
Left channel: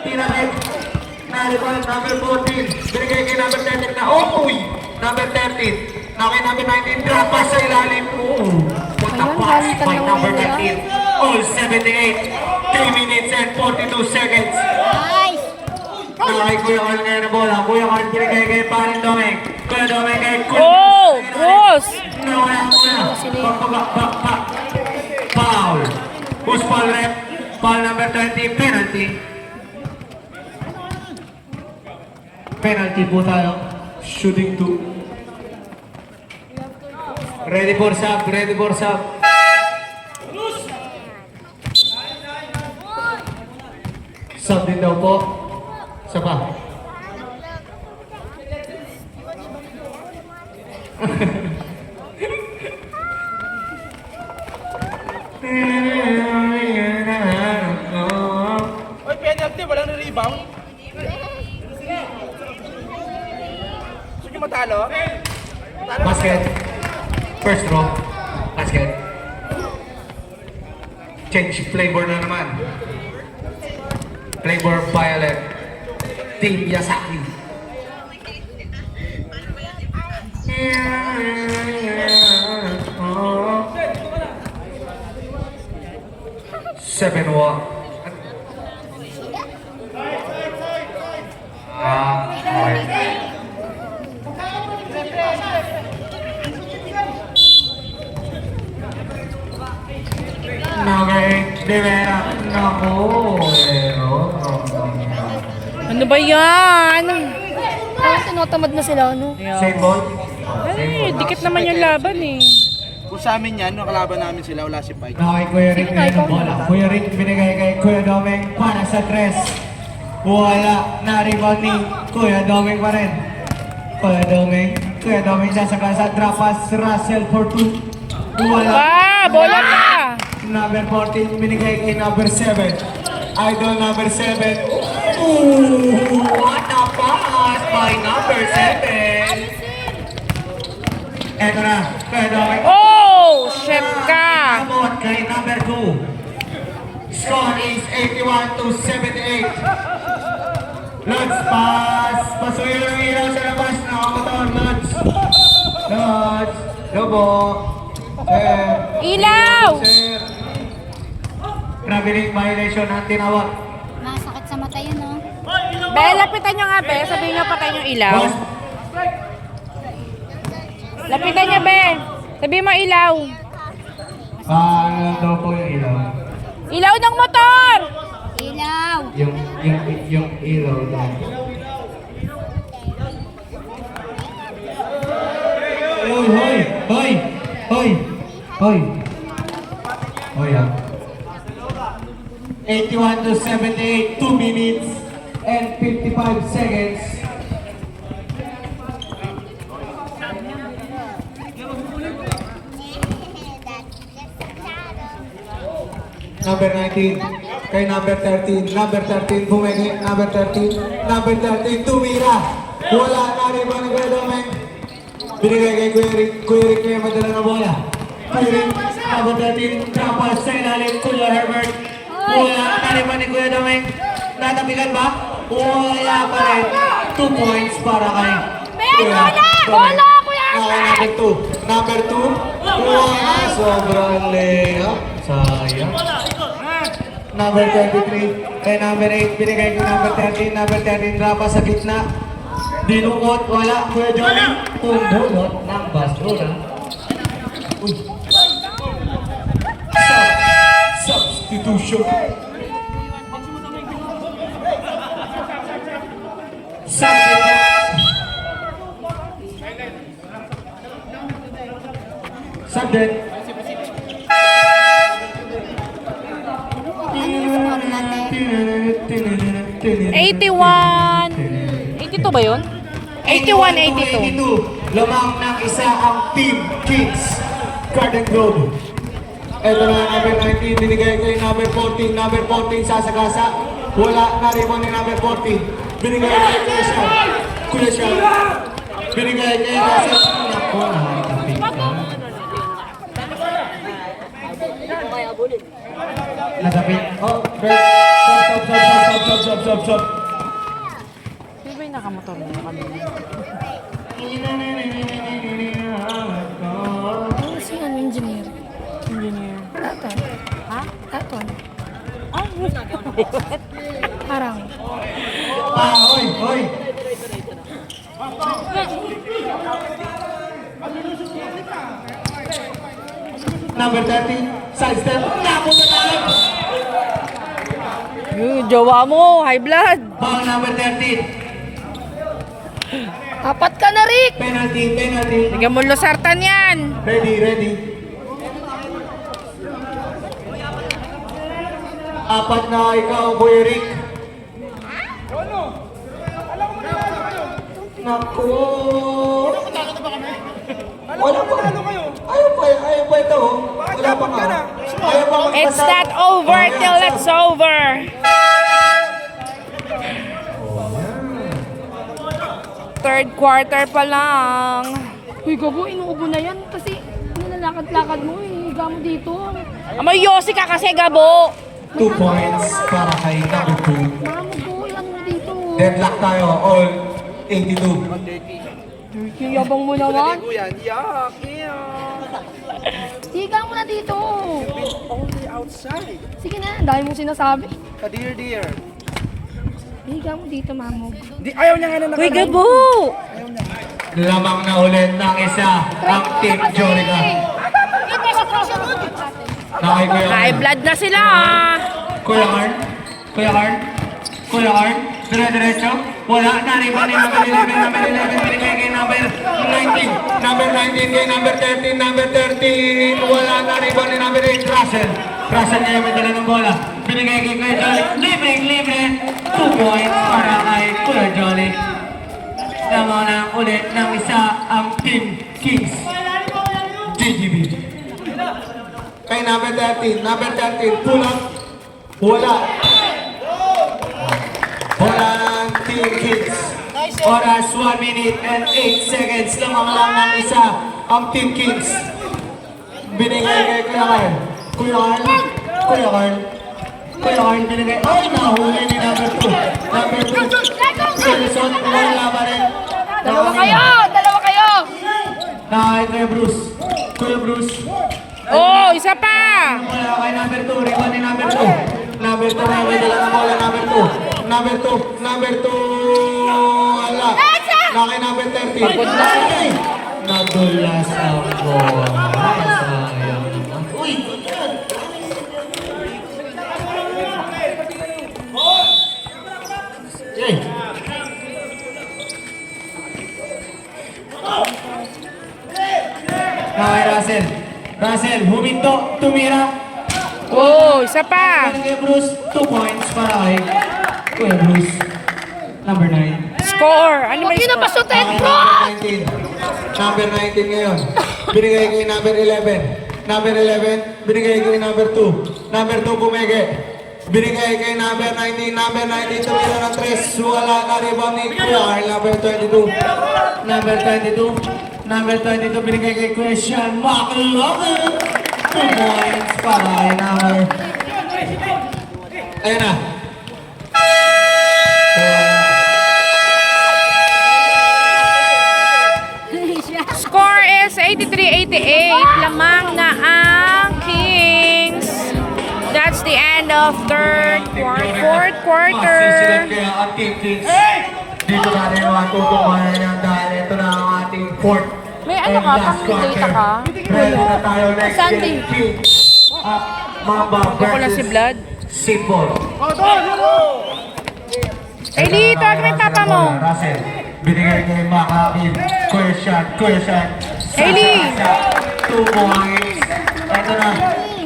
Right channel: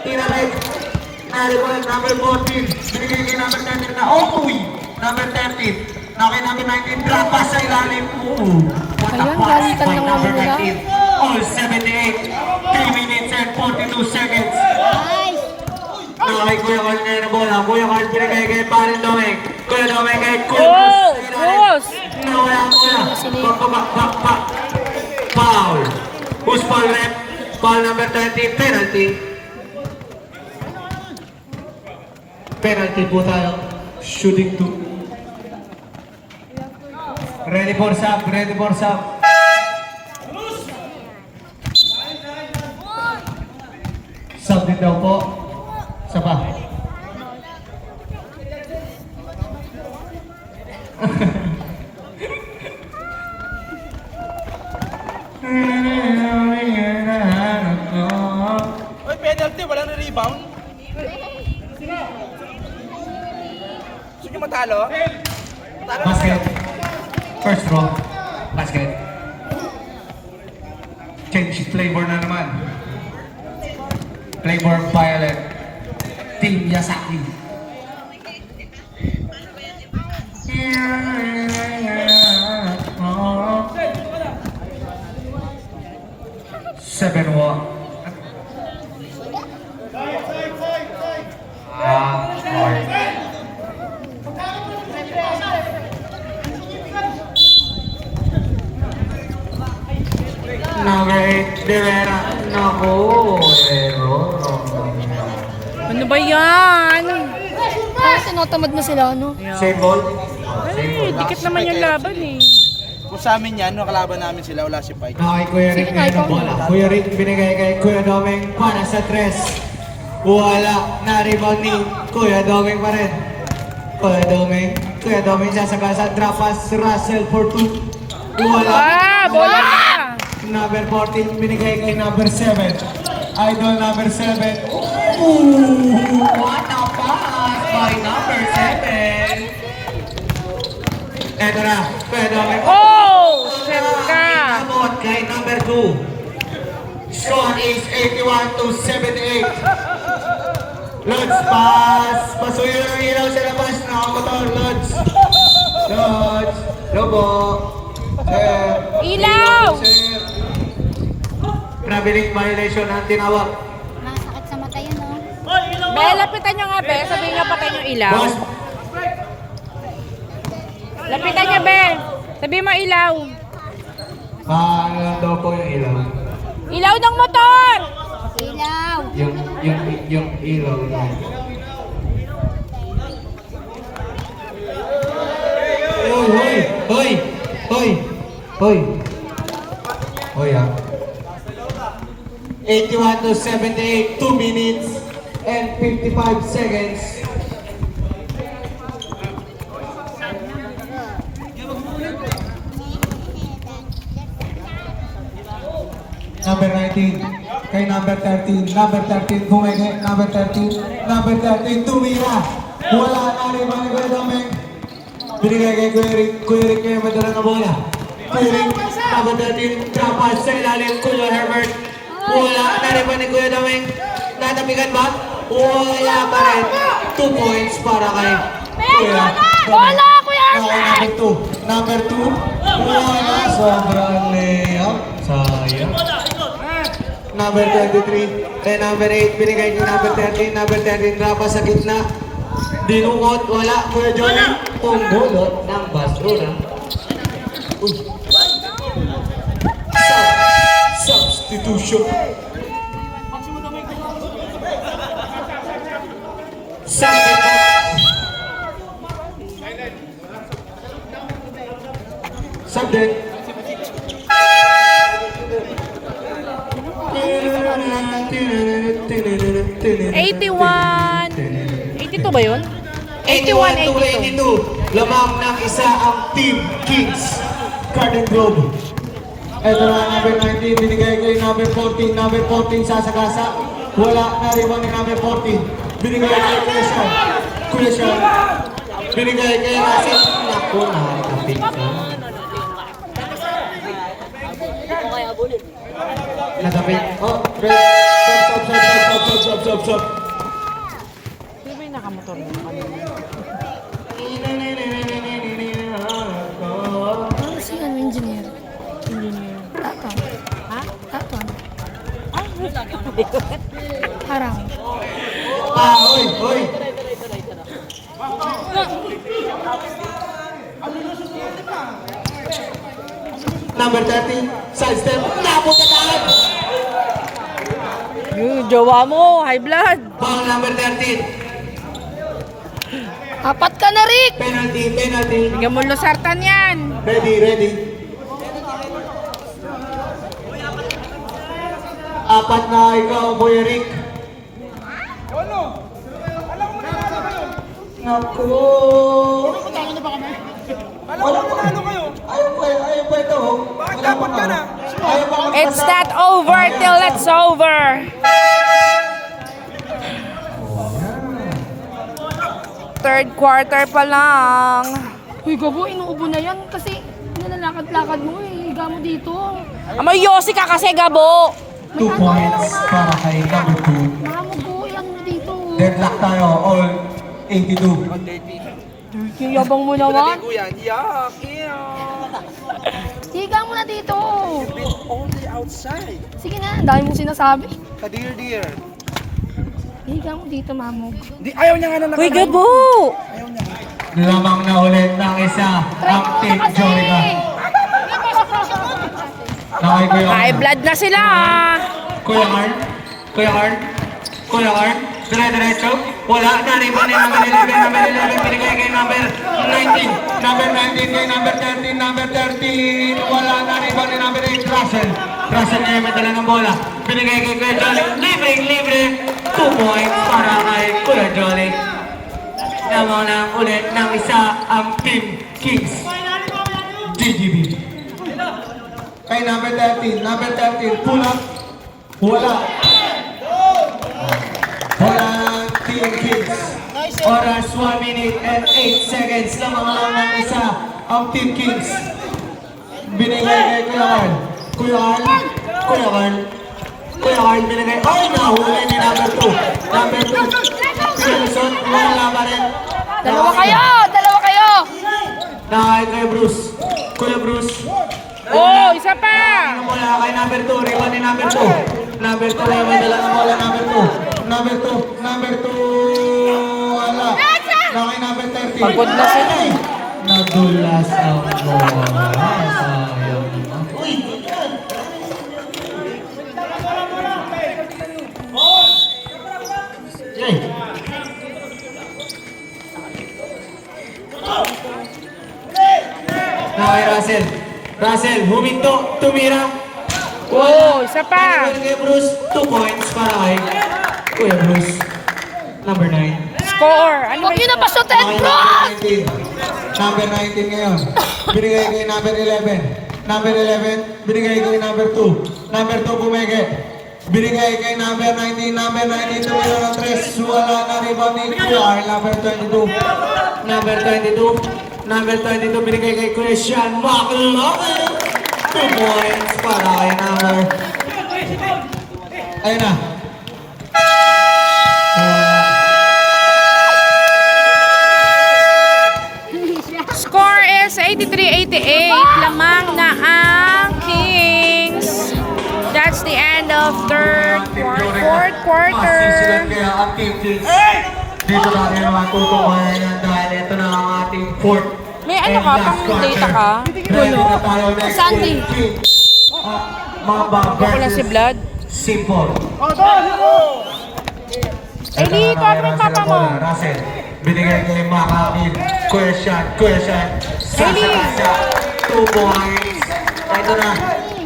tinapit. Naribon, number 14. Binigay kay number 13 na, number 13. Na kay number 19, drop pass sa ilalim. What a pass by number 19. All 78. 3 minutes and 42 seconds. Nakay Kuya Carl ngayon na bola. Kuya Carl binigay kay Parin Domeng. Kuya Domeng kay Kuya Oh! Boss! Nawala ang bola. Back. Foul. Who's foul rep? Foul number 30, penalty. Penalty po tayo. Shooting 2. Ready for sub. Sub din daw po. Saba. Oy, penalty, wala na rebound. Sige matalo. Basket. First draw. Basket. Change flavor na naman. Flavor violet. Team Yasaki. Seven one. Number 8, De Vera. Naku, Ano ba yan? Tinotamad na sila, ano? same ball. Ay, dikit naman yung laban eh. Kung sa amin yan, nakalaban namin sila, wala si Pike. Kay Kuya Rick ngayon ang bola. Kuya Rick binigay kay Kuya Domeng para sa tres. Wala na rebound ni Kuya Doming pa rin. Kuya Doming sasagasa, drop pass, Russell for 2. Wala. Bola na! Number 14, binigay kay number 7. Idol number 7. Ooh, what a pass by number 7. Eto na, Kuya Doming. Oh! Shit ka! Abot kay number 2. Score is 81-78. Lods, pass. Pasuyo ng ilaw sa labas. Nakamotor, Lods. Lods. Lobo. Sir. Ilaw! Sir. Traveling violation ang tinawag. Masakit sa mata yun, oh. Be, lapitan nyo nga, Be. Sabihin nga patay yung ilaw. Boss, Lapitan nyo, Be. Sabihin mo ilaw. paano daw po yung ilaw? Ilaw ng motor! Ilaw. Yung ilaw lang. Hoy, ah. 81-78, 2 minutes and 55 seconds. Number 19, kay number 13, number 13, bumigay, number 13, number 13, tumira. Wala na rin ba ni Kuya Domeng? Binigay kay Kuya Rick kaya madala na bola. Kuya Rick, number 13, dapat sa ilalim, Kuya Herbert. Wala na rin ba ni Kuya Domeng? Natabigan ba? Wala pa rin. 2 points para kay Kuya Domeng. Okay, number 2. Number 2, wala, sobrang layup. Sayang. Number 23, kay number 8, binigay ko number 13, number 13, dapat sa gitna. Dinukot, wala, Kuya Johnny. Tumulot ng basura. Uy. Substitution. Subject. 82 ba yun? 81-82. Lamang ng isa ang Team Kings Garden Grove. Ito na number 19, binigay ko yung number 14. Number 14 sasagasa. Wala na rin mo ng number 14. Binigay kay Kuya Sean. Kuya Sean. Binigay kay Russell. Ako na, kapit ko. Natapit. Oh, okay. Stop. Di ba yung nakamotor na kami? Ano si ano, engineer? Engineer. Aton. Ha? Aton. Ah, Harang. Hoy. Number 30, side step. Tapos na tayo. yung jowa mo, high blood. Ball number 13. Apat ka na, Rick! Penalty. Bigyan mo lusartan yan. Ready. Apat na ikaw, Boy Rick. Naku! Wala pa. Ayaw pa ito. Wala pa nga. Ayaw pa. It's not over till it's over. Third quarter pa lang. Uy, Gabo, inuubo na yan kasi nilalakad-lakad mo eh. Higa mo dito. Amay yosi ka kasi, Gabo. 2 points para kay Kabuto. Nakamubuyan mo dito. Deadlock tayo, all 82. Yung yabang mo naman. Higa mo na dito. Only outside. Sige na, dahil mo sinasabi. Kadir dear. Higa mo dito, Mamo. Ayaw niya nga na Uy, Gabo. Lamang na ulit ng isa ang Team Jorica. Nakay Kuya High blood na sila. Ah. Kuya Arn, dire-diretso, wala na rin ba ni number 11, number 19, number 13, wala na rin ba ni number 8, Russell ngayon may dala ng bola, binigay kay Kuya Jolly, libre, 2 points para kay Kuya Johnny. Namanang ulit ng isa ang Team Kings. GGB. Kay number 13, pull up. Wala. Wala ng Team Kings. Oras 1 minute and 8 seconds lang ng isa ang Team Kings. Binigay kay Kuya Carl, binigay. Ay, nahuli ni number 2. Number 2. Sulusot, wala pa rin. Dalawa kayo! Dahil kay Bruce. Kuya Bruce. Oh, isa pa! Wala kay number 2. Rebound ni number 2. Number 2, may dala na bola. Number 2. Wala. Na kay number 13. Pagod na siya. Ay! Nadulas ang bola. Sayang naman. Uy! Hey! Na kay Russell. Russell, huminto, tumira. Oh, isa pa! Kay Bruce, 2 points para kay Kuya Bruce. Number 9. Score! Ano Huwag ba niyo na yung pasutin, bro! Number 19 ngayon. Binigay kay number 11. Number 11, binigay kay number 2. Number 2 bumigay. Binigay kay number 19. Number 19, tumira ng 3. Wala na rebound ni Kuya. Number 22. Number 22, binigay kay Christian McLaughlin. 2 points para kay number. Ayun na. score is 83-88. Lamang na ang Kings. That's the end of fourth quarter. Kaya ang Team Kings. Dito natin matutukan yan dahil ito na ang ating fourth. May ano ka? Pang-data ka? Ready na tayo next Sunday. game. Kings. Mamba Ako lang si Blood. Simple. Eh, dito, ano yung papa mo? Russell. Binigay kay Makakid. Question. Hailey! 2 points. Ito na.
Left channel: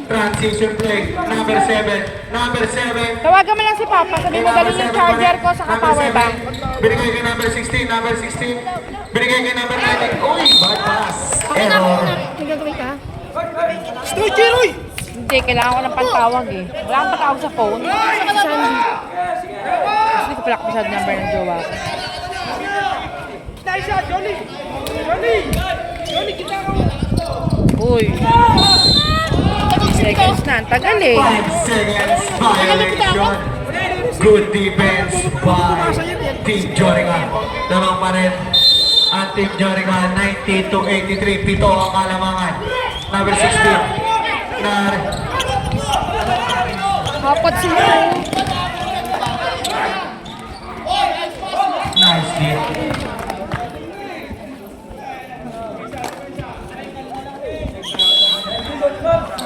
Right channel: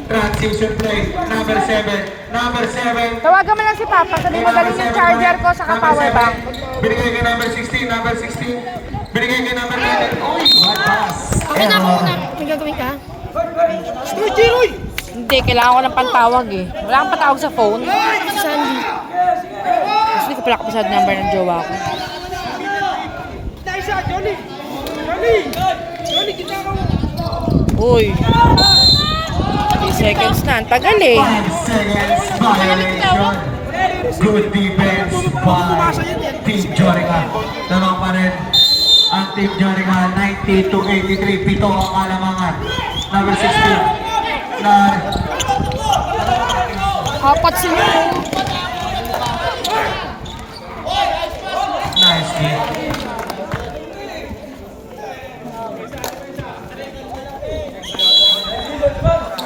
Transition play. Number 7. Tawagan mo lang si Papa. Sabi mo galing yung charger ko sa power bank. Binigay kay number 16. Binigay kay number 19. Uy! Bad pass. May Error. gagawin ka? Hindi, kailangan ko ng pantawag eh. Wala kang patawag sa phone. Sandy. Kasi hindi ko pala kapasad number ng jowa ko. Uy. 3 seconds na. Ang tagal eh. 5 seconds violation. Good defense by Team Jorica. Dalawa pa rin ang Team Jorica. 90-83. Pito ang kalamangan. Number 16. Kapat sila. Nice hit.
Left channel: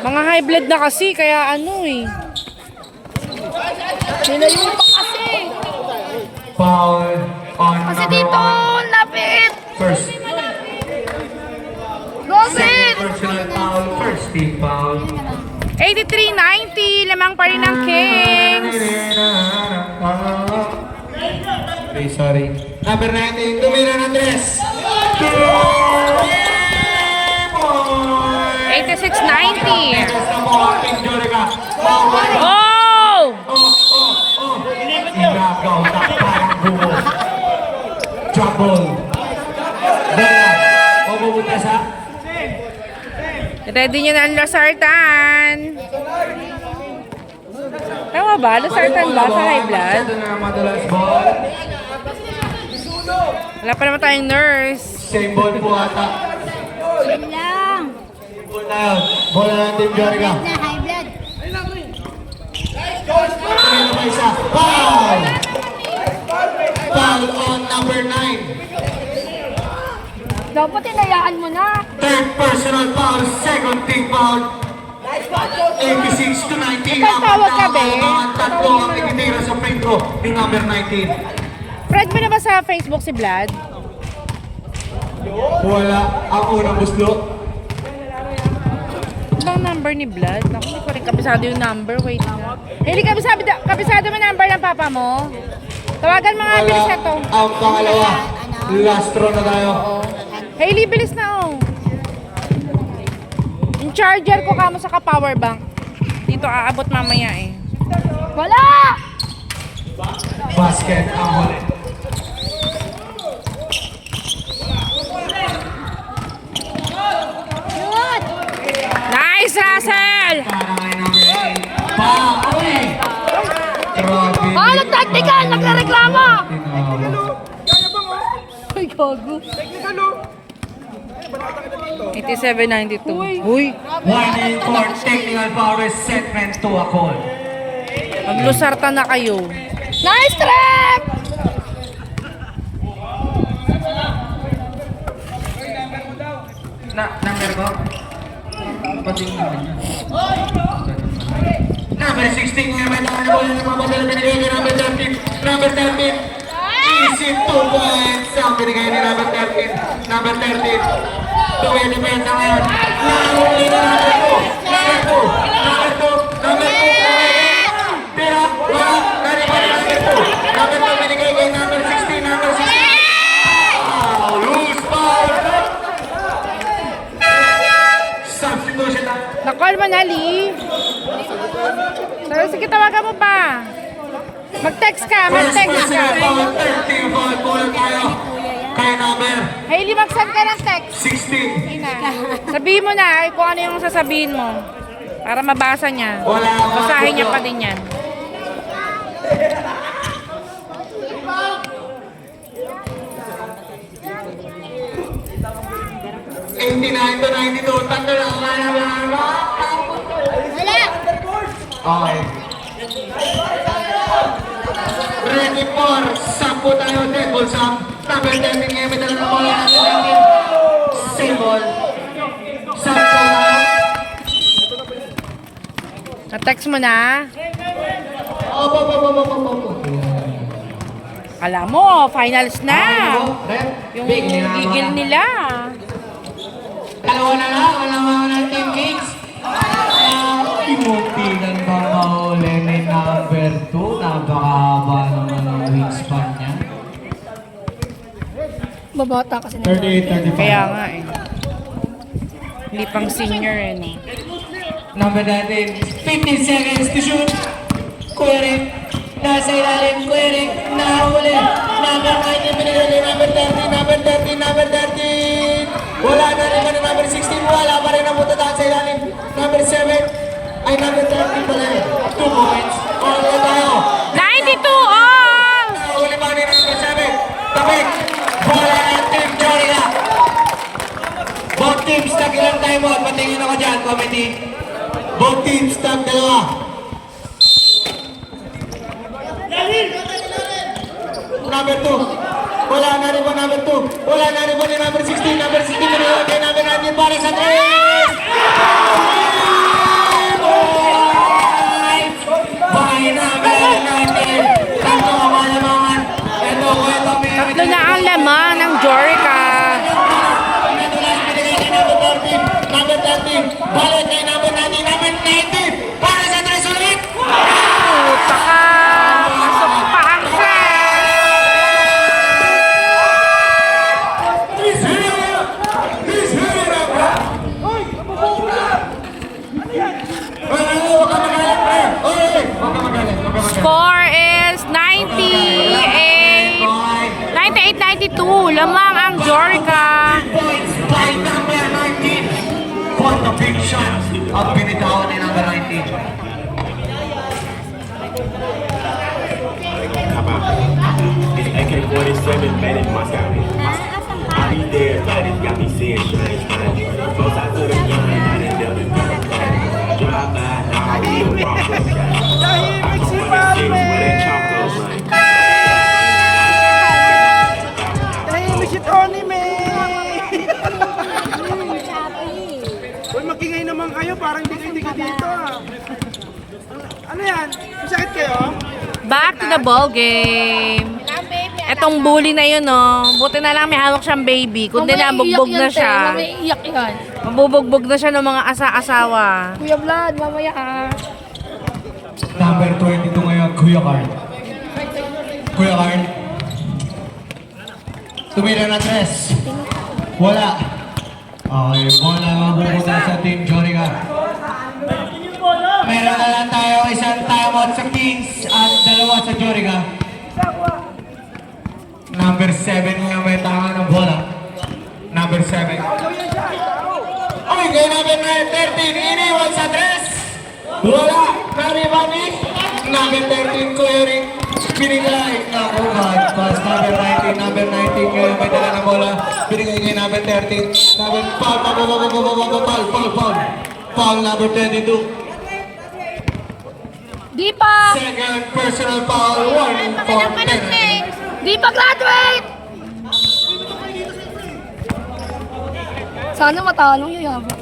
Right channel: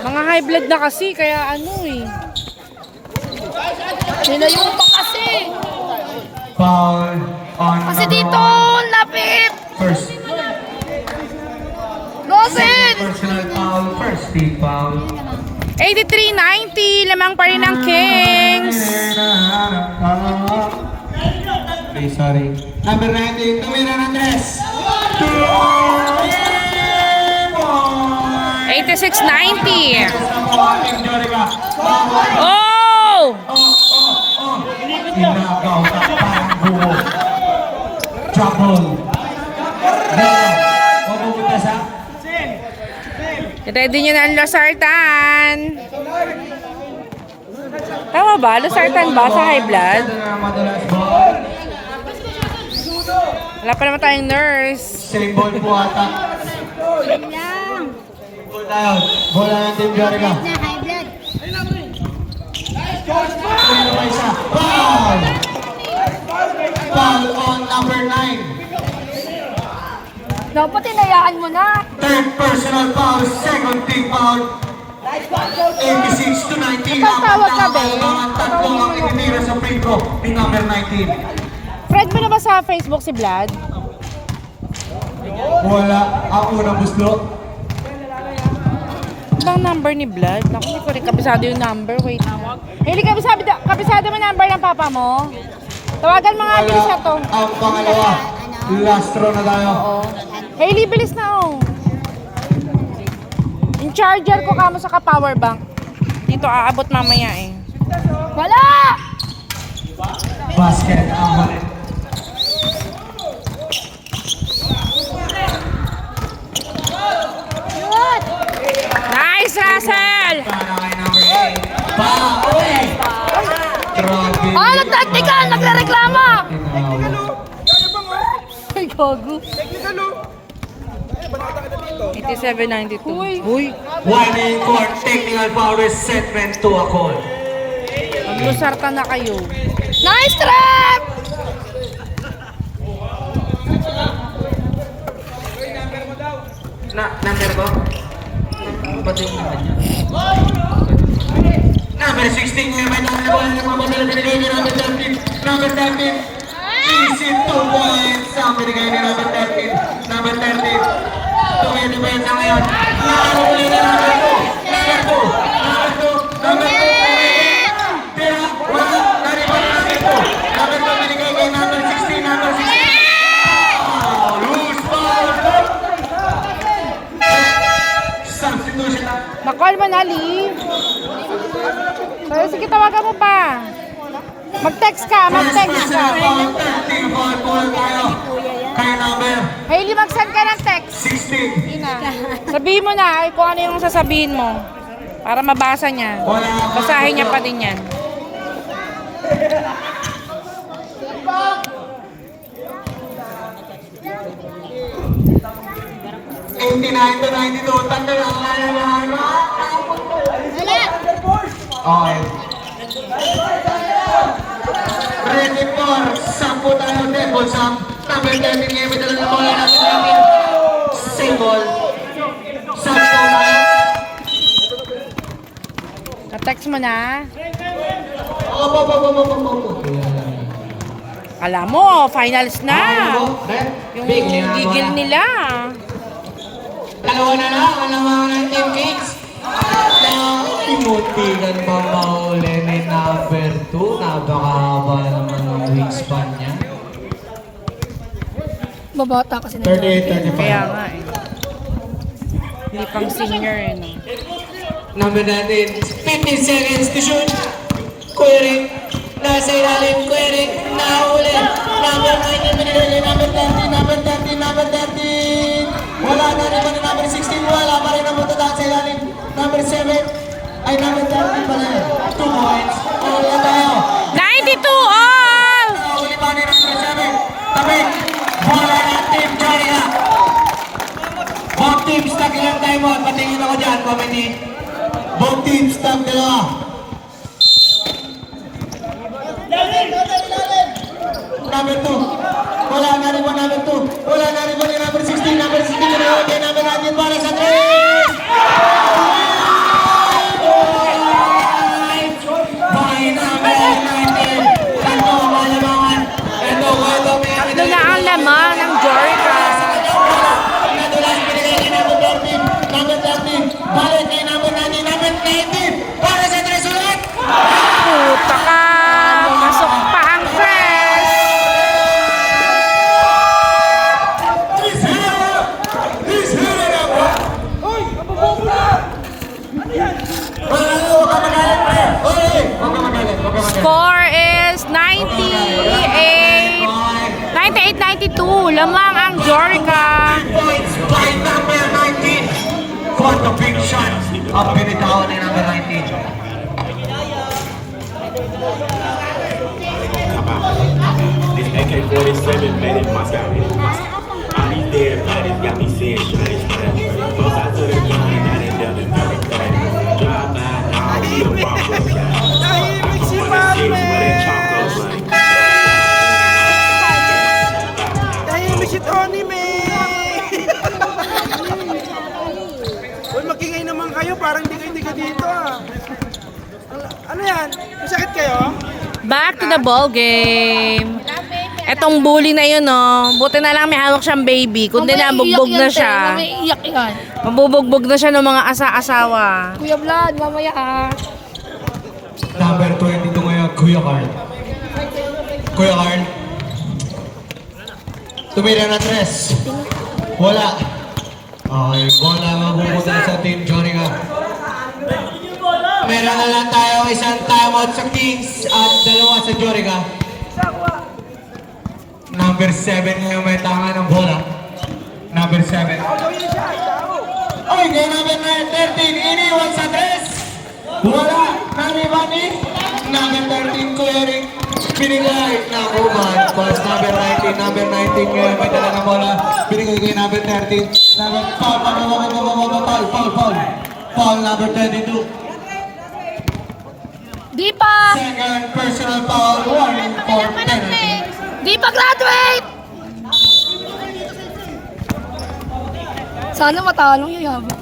Mga high blood na kasi, kaya ano eh. Nilayuta kasi. Foul on Kasi number dito, 1. lapit. First. Gobit. Second personal foul. First team foul. 83-90. Lamang pa rin ang Kings. Okay, sorry. Number 19, tumira ng dress. 86-90. Oh! Oh! Sinagaw ka parang buo. Trouble. Ganyan. O bumutas ha? Ready niya na ang Losartan. Tama ba? Losartan ba sa high blood? Ito na madalas ball. Wala pa naman tayong nurse. Same ball po ata. Ball tayo. Bola ng Team Jorica. Tumira na isa. Foul! Foul on number 9. Dapat inayaan mo na. Third personal foul, second team foul. 86-90. Napatawag ka, be? Tatlo ang itinira sa pinto yung number 19. Friend mo na ba sa Facebook si Vlad? Wala ang unang buslo. Ano bang number ni Vlad? Naku, hindi ko rin kabisado yung number. Wait na. Hailey, kabisado mo number ng papa mo? Tawagan mo nga, bilis na to. Ang pangalawa. Last row na tayo. Hailey, bilis na oh. Yung charger ko kamo sa ka-power bank. Dito aabot mamaya eh. Wala! Basket out. What? Nice, Russell! Para kay number 8. Uy! Grabe. Ah, nagtactical! Nagre-reklamo! Ay, gago. 87-92. Uy, 1 for technical foul resetment to a call. maglusarta na kayo. Nice trap! Number ko? Pati yung naman niya. Number 16 nga may nakakawala ng mga badala binigay ni number 13. Number 13. Easy 2 points ang binigay ni number 13. Number 13. Tuwi na ba sa ngayon? Nakahuli na number 2. Number 2. Number 2. Number 2. Pero wala. Nariba ni number 2. Number 2 binigay kay number 16. Number 16. Loose foul. Substitution. Na-call mo na, Lee. Pero sige, tawagan mo pa. Mag-text ka. Hailey, mag-send ka ng text. 16. Ina. Sabihin mo na kung ano yung sasabihin mo. Para mabasa niya. Basahin niya pa din yan. To 92, tanda na Wala! Okay. Ready for 10 tayo din. Kung sa number 10 ngayon, may dala na bola natin natin. Same ball. 10 na. Na-text mo na. Opo. Alam mo, finals na. Yung gigil nila. Dalawa na lang, alam mo ng Team Kings. Imuntigan ba mahuli ni number 2? Napakahaba ng wingspan niya. Babata kasi na. 38-35. Kaya nga eh. Hindi pang senior eh. No? Number natin, 15 seconds to shoot. Query, nasa ilalim, query, nahuli. Number 19, binigay number 13, number 13, number 13. Wala na rin ba ni number 16? Wala pa rin ang punta sa ilalim. Number 7, ay number 13 pala yun. 2 points. All na tayo. 92 all! Nahuli pa ni number 7. Tabik. Wala na team Florida. Both teams tag ilang time out. Patingin ako dyan, committee. Both teams tag dalawa. Number 2. Wala na rin ba number 2? Wala na rin ba ni number 16? Number 16 na rin kay number 19 para sa 3! By number 19. Tatlo ang alamangan. Ito, wala may Tatlo na ang laman ng Jorica. Number 13. Balik kay number 19. Number 19. Para sa 3 ulit! Puta ka. Pumasok pa ang press. He's hitting it up! He's hitting it up, bro! Huwag ka magalit, pre! Huwag ka magalit. Score is 98-92. Lamang ang Jorica. Points by number 19. For the big shot ang binitawan ni number 19. Come out. This AK-47 made in Moscow. All these dead bodies got me seeing strange things. Both sides of the gun, I done dealt in better things. Drive by, now we a walk up. I come from the six where that chalk goes like. Dahil mo si Tony, man! Uy, magingay naman kayo, parang hindi ka dito ah. Ano yan? Masakit kayo? Back to the ball game. Etong bully na yun, no. Buti na lang may hawak siyang baby. Kundi na, bugbog na siya. May iyak yan. Mabubugbog na siya ng mga asa-asawa. Kuya Vlad, mamaya ka. Number 22 ngayon, Kuya Carl. Kuya Carl. Tumira na 3. Wala. Okay, wala mabubuto sa Team Jorica. Meron na lang tayo isang timeout sa Kings at 2 sa Jorica. Number 7 ngayon may tangan ng bola. Number 7. Oy, kay number 13, iniwan sa 3. Wala, naribami. Number 13, Kuya Rick. Binigay na kuman. Pass number 19 ngayon may dala ng bola. Binigay kay number 13. Number foul number 22. Di pa! Second personal foul, 1 for penalty. Di pa graduate! Sana matalo yung yabang.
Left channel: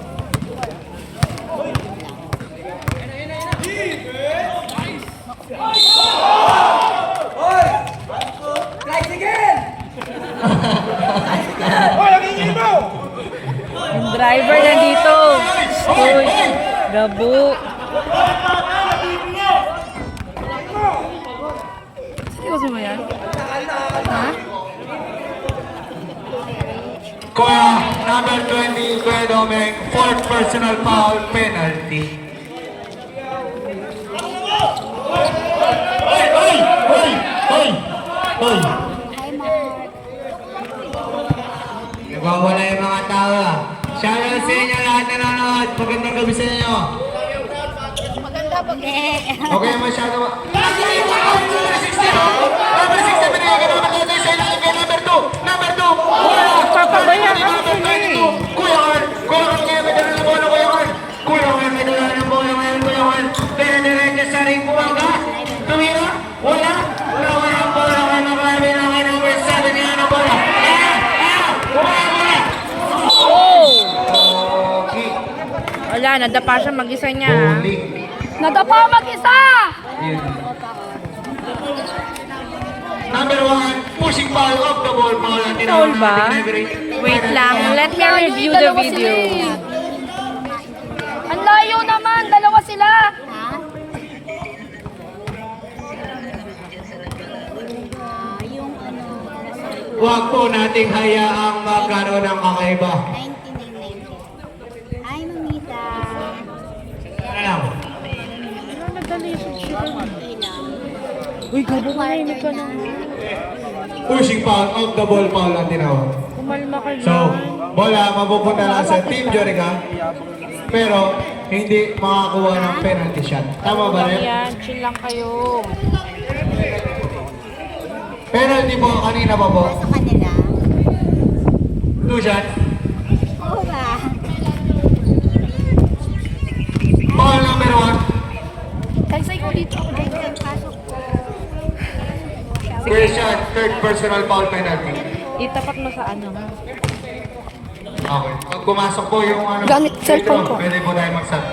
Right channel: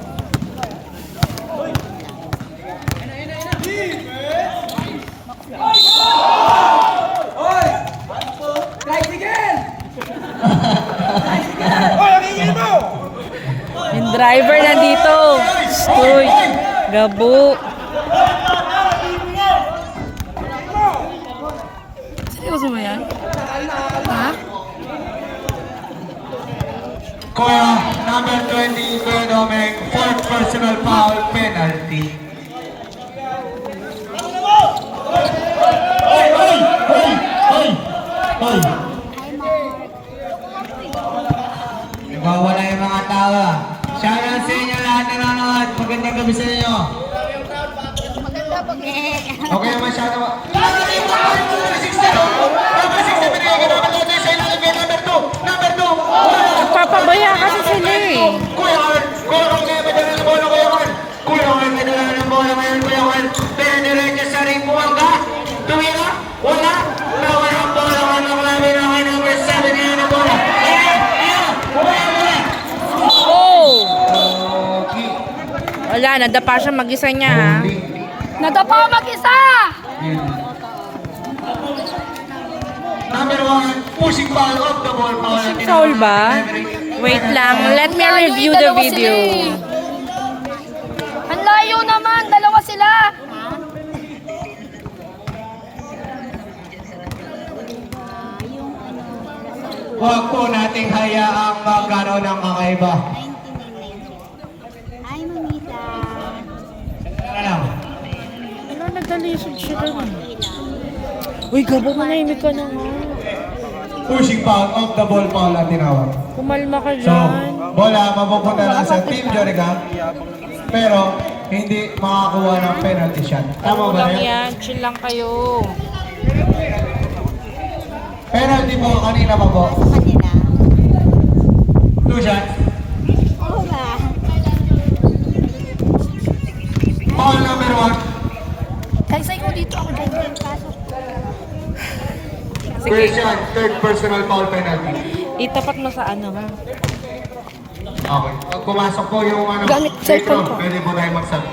Yung driver nandito. Uy, gabo. Seryoso ba yan? Ha? Kuya, number 20, Kuya Dominic, fourth personal foul penalty. Hoy! Nagwawala yung mga tawa. Shoutout sa inyo lahat na nanonood. Magandang gabi sa inyo. Okay, masyado ba? Number 60, binigay ka naman natin sa inyo. Number 2. Papabaya kasi sila eh. Kuya Carl, kaya may dala ng bola, Kuya Carl. Kuya Carl, may dala ng bola ngayon, Kuya Carl. Pinadiretso sa ring, buwangga. Tumira, wala. Wala ang bola, wala kami ng number 7 ngayon ang bola. Oh! Okay. Wala, nadapa siya mag-isa niya ha. Nadapa mag-isa! Number 1, pushing foul of the ball. Foul ba? Wait lang, let me review the video. Ang layo naman! Dalawa sila! Huwag po nating hayaang magkaroon ng kakaiba. Ay, mamita. Ano lang? Uy, gabo ka na, imit ka na. Pushing foul of the ball foul ang tinawag. Kumalma ka So, dyan. bola mapupunta lang sa Team Jorica, pero hindi makakuha ng penalty shot. Tama ba rin? Yan, chill lang kayo. Penalty po kanina pa po. Sa kanila. 2 shots. Wala. Foul number 1. Saysay ko dito. Christian, third personal foul penalty. Itapat mo sa ano nga. Okay. Pag pumasok po yung ano, Gamit cellphone ko. pwede po tayo mag-set.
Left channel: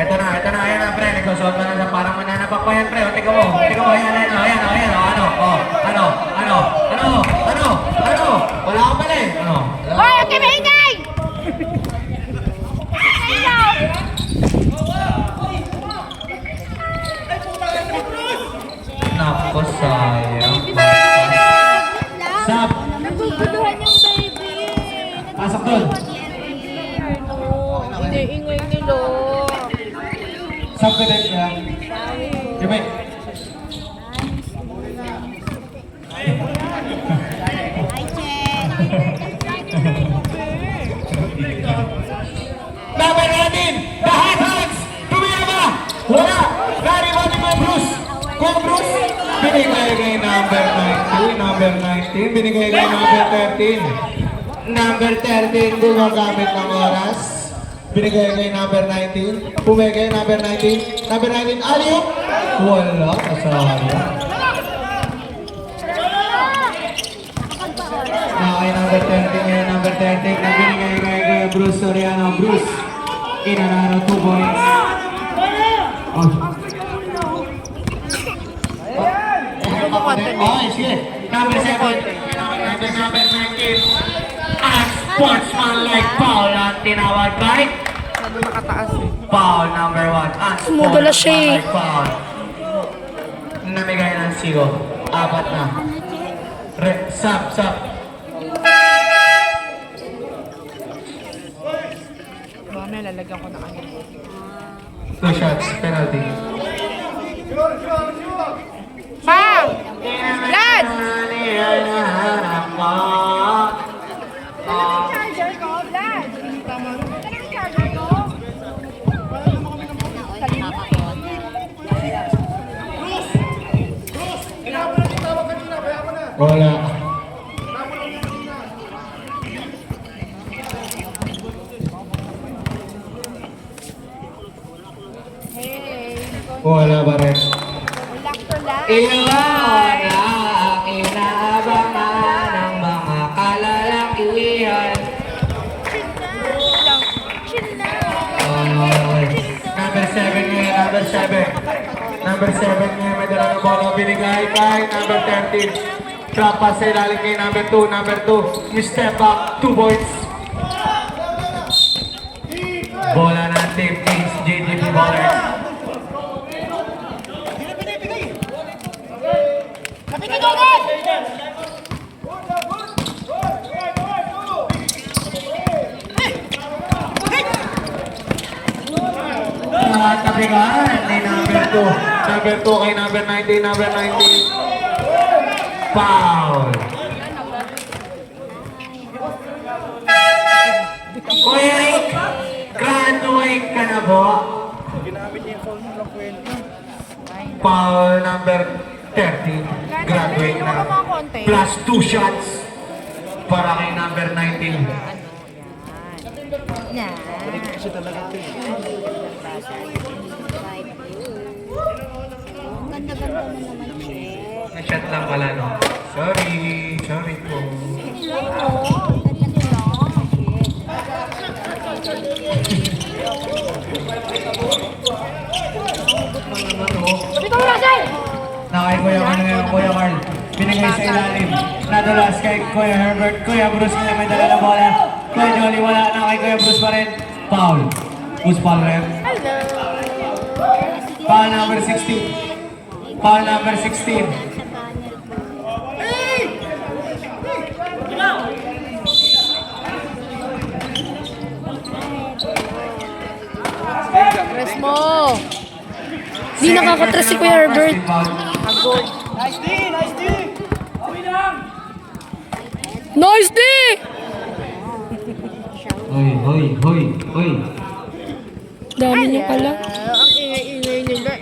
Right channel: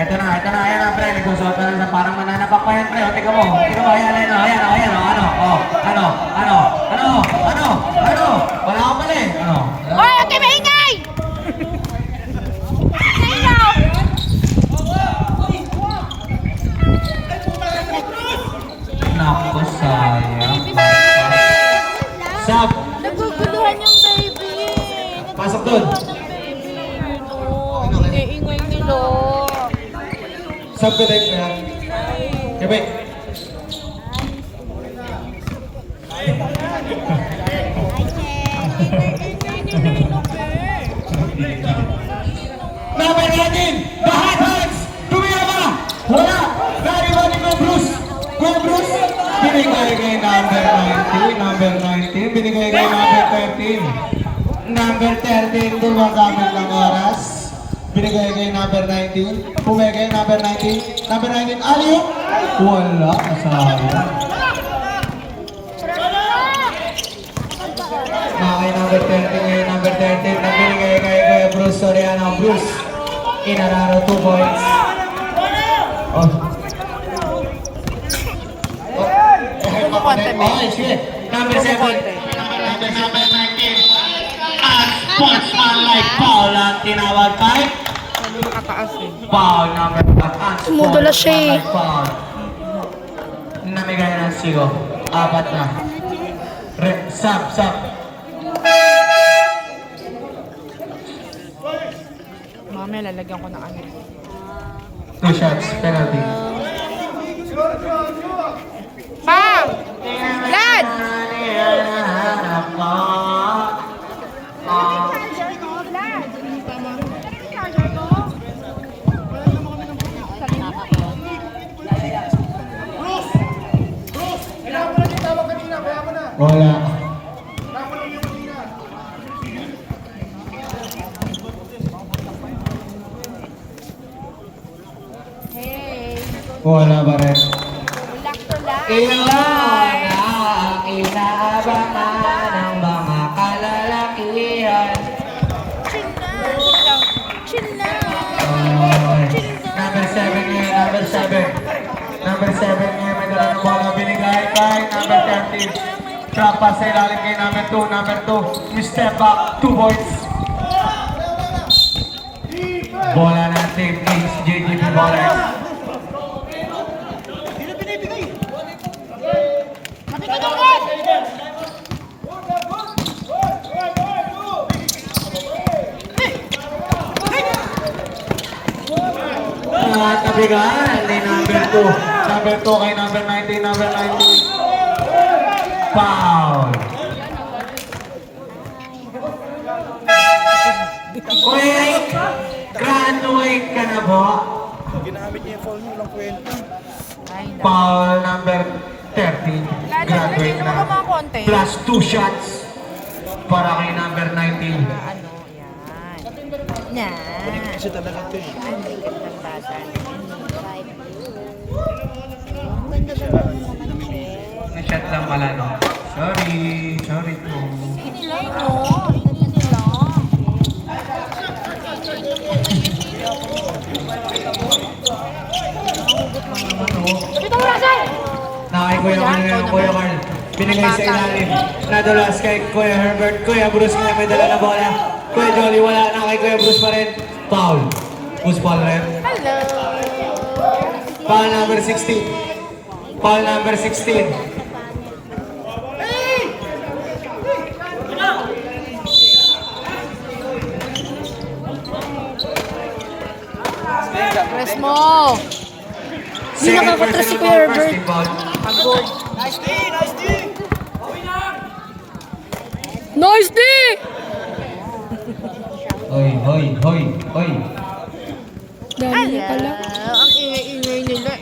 Ito na, ayan na, pre. Nagsusuot na lang parang mananapak pa yan, pre. O, tika mo, ayan, ano. Wala ka pala eh. Ano? Hoy, okay, maingay! Nako, sayang. Sub. Naguguluhan yung baby. Pasok doon. Iniingay nila. Sub ka tayo kaya. Gabi. Number 19, the hot hands. Tumira ba? Wala. Gary Body ko, Bruce. Kuya Bruce. Binigay kay number 19. Binigay kay number 13. Number 13, gumagamit ng oras. Binigay kay number 19. Pumigay number 19. Number 19, aliyo. Wala. Kasama. Kay number 13 ngayon, number 13 na binigay kay Bruce Soriano. Bruce, inararo 2 points. Oh. Oh, sige. Number 7. Number 19. Sportsman like foul ang tinawag kay Foul number 1. Tumutulas siya eh. Foul. Namigay ng sigo. 4 na. Sub. Mamaya lalagyan ko na kayo. 2 shots, penalty. Lad! Wala. Wala ba rin? Iyon ang inaabangan ng mga kalalakihan. Number 7 ngayon, number 7. Number 7 ngayon, may dala ng bola. Binigay kay number 13. Trap pa sa ilalim kay number 2. Number 2, you step back, 2 points. Bola natin, Ace JGB Ballers. Kabigaan ni number 2. Number 2 kay number 19. Number 19. Foul. Wait! Graduate ka na ba? Foul number 13. Graduate na. Plus 2 shots para kay number 19. Na-shot lang pala, no? Sorry po. Nakay Kuya Carl ngayon, Kuya Carl. Binigay sa ilalim. Nadulas kay Kuya Herbert. Kuya Bruce ngayon may dala na bola. Kuya Jolly wala na kay Kuya Bruce pa rin. Foul. Who's foul rin? Hello! Foul number 16. Foul number 16. Press mo! Di nakakatres si Kuya Herbert. Pagod. Nice D! Hoy. Dami niya pala. Ang ingay-ingay nila.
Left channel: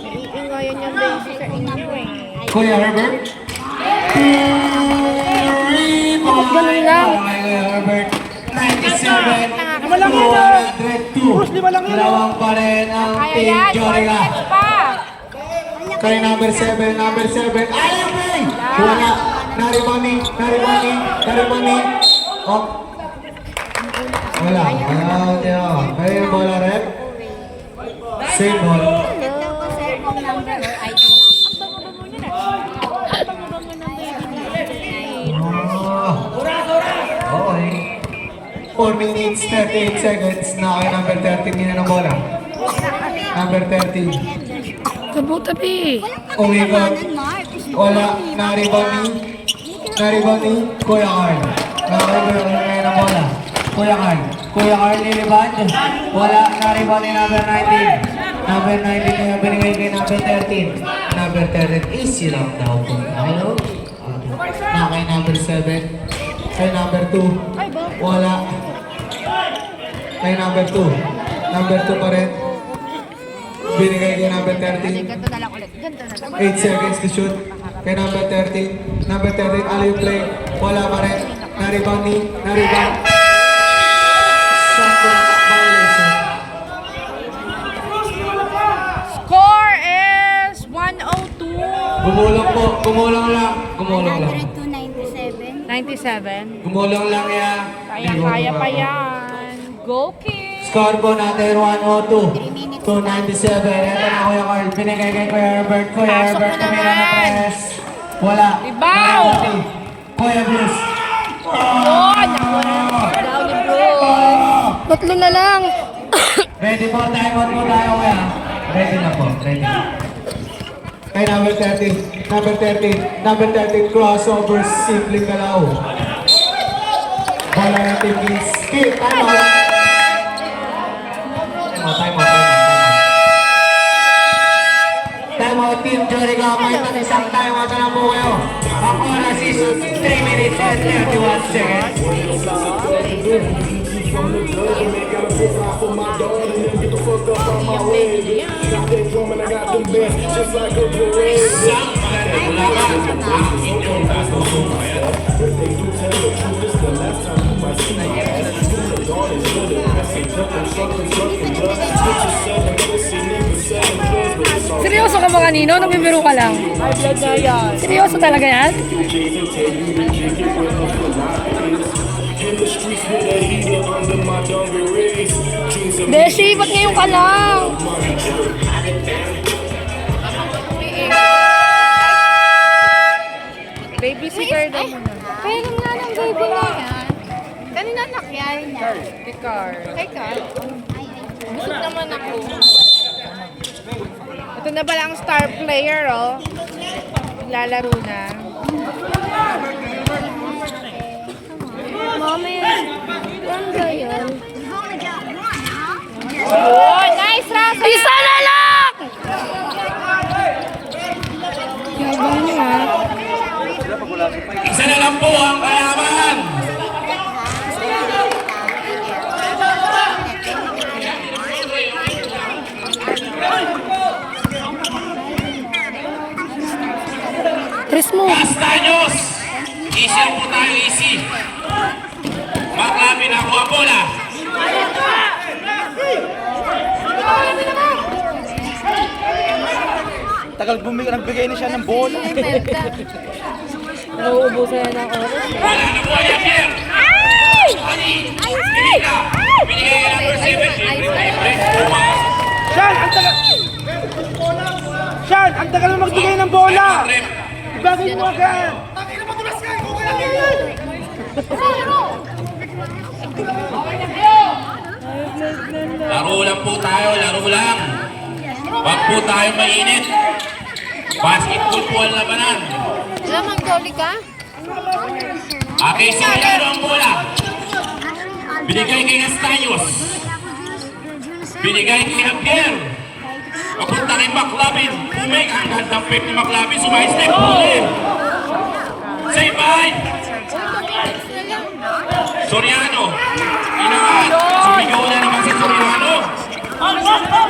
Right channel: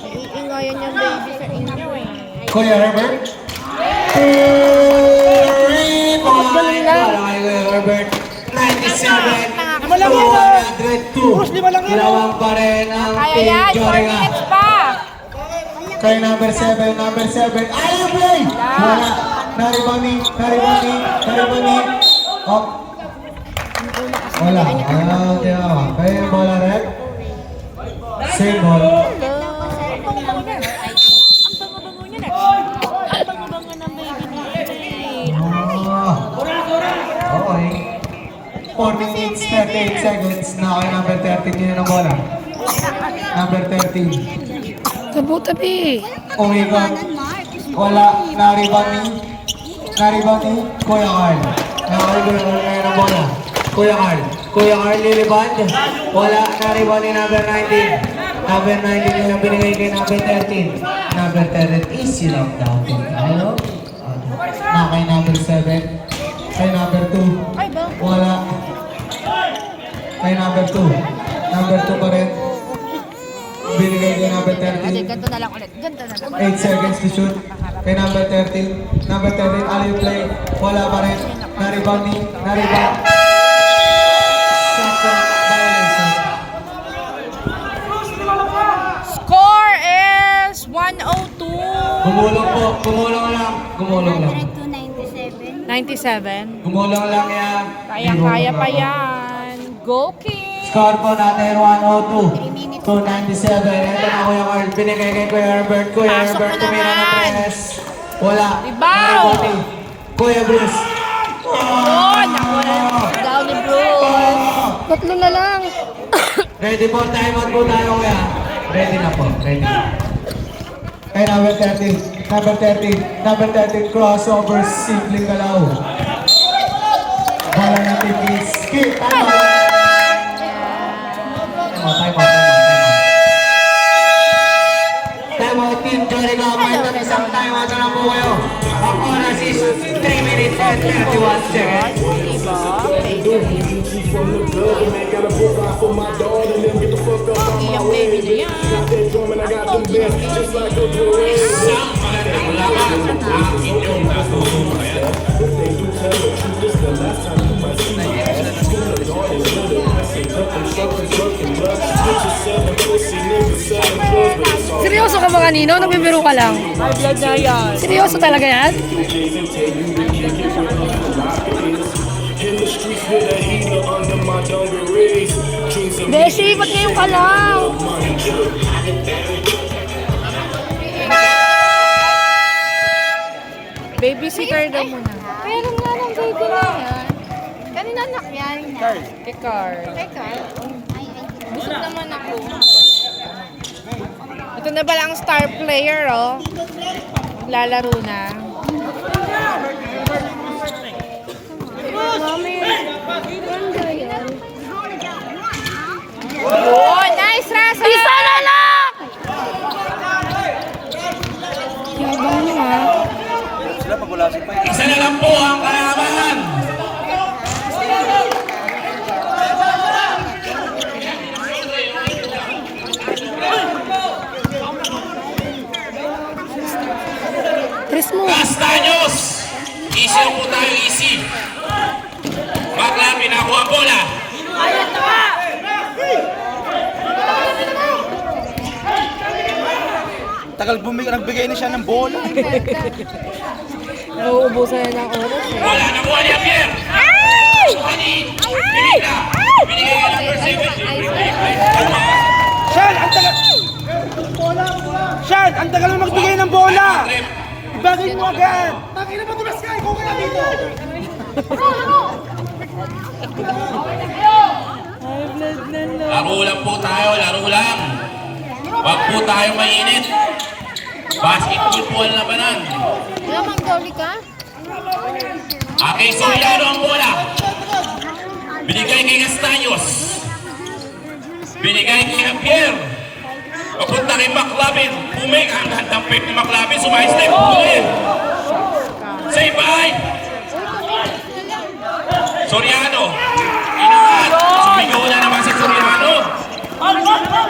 Naiingayan yung baby sa inyo eh. Kuya Herbert. Galing lang. Kuya Herbert. 97. Lima lang yan, ah. 202. Lima lang yan, ah. Dalawang pa rin ang Team Joriga. Kay number 7. Ayaw boy! Wala. Naribani. Oh. Wala. Ayaw. Kaya yung bola rin. Same ball. Okay. 4 minutes, 38 seconds na kay number 13 nila ng bola. Number 13. Tabi. Umigot. Wala. Naribani. Kuya Carl. Nakakaibulan ngayon ng bola. Kuya Carl nilibad. Wala. Naribani number 19. Number 19 na binigay kay number 13. Number 13. Easy lang daw. Ayaw. Na kay number 7. Kay number 2. Wala. Kay number 2. Number 2 pa rin. Binigay kay number 13. 8 seconds to shoot. Kay number 13. Number 13, alley play. Wala pa rin. Naribang. Second violation. Score is 102. Gumulang lang. 97. Gumulang lang yan. Kaya pa yan. Go King! Score ko natin 102. 297. Ito na Kuya Carl. Binigay kay Kuya Herbert. Pasok mo tumira ng naman. press. Wala. Rebound. Kuya Bruce. Oh, naku. Down ni Bruce. Tatlo na lang. Ready po, time out po tayo kaya. Ready na po, ready na. Kay number 30, number 30, crossover, simple galaw. Bola ng team is skip, time out. Time out, team Jorica, may isang time out na po kayo. Ang oras is 3 minutes and 31 seconds. From the dub, and man, gotta provide for my daughter and them get the fuck up on my way. Bitch. Got that drum and I got them bands, just like a parade. Isang magandang laban ang inyong natutunghayan. If they do tell the truth, this the last time you might see my ass. From the garden to the pressing, cut them suckers, sucking blood. Bitches selling pussy, niggas selling drugs, but it's all Seryoso ka ba kanino? Nagbibiro ka lang. Seryoso talaga yan? J's and tell you to kick it with a philosophy. In the streets with a heater under my dungarees. Dreams of Beshi, ba't ngayon ka lang? money, Babysitter daw muna. Pero nga lang, baby na. Kanina anak yan. Ikaw. Ikaw? Busog naman ako. Ito na pala ang star player, oh. Lalaro na. Mami, ano ba yan? Oh, nice, Rasa! Isa na lang! Yabang mo, ha? Isa na lang po ang kalaban. Tris mo. Castaños! Easy po tayo, easy. Maklabi na ako ang bola. Tagal nagbigay na siya ng bola. Nauubusan na ng oras. Bola na bola niya, Pierre. Pinita. Binigay ka number 7. Sean, ang tagal... Sean, ang tagal mo magbigay ng bola. Ibagay mo agad. Laro lang po tayo, laro lang. Wag po tayo mainit. Basketball po ang labanan. Lamang goli ka? Okay, Soriano ang bola. Binigay kay Castaños. Binigay kay Javier. Papunta kay McLavin. Umeka ang handang pick ni McLavin. Sumay-step. Huli. Say bye. Soriano. Inangat. Sumigaw na naman si Soriano.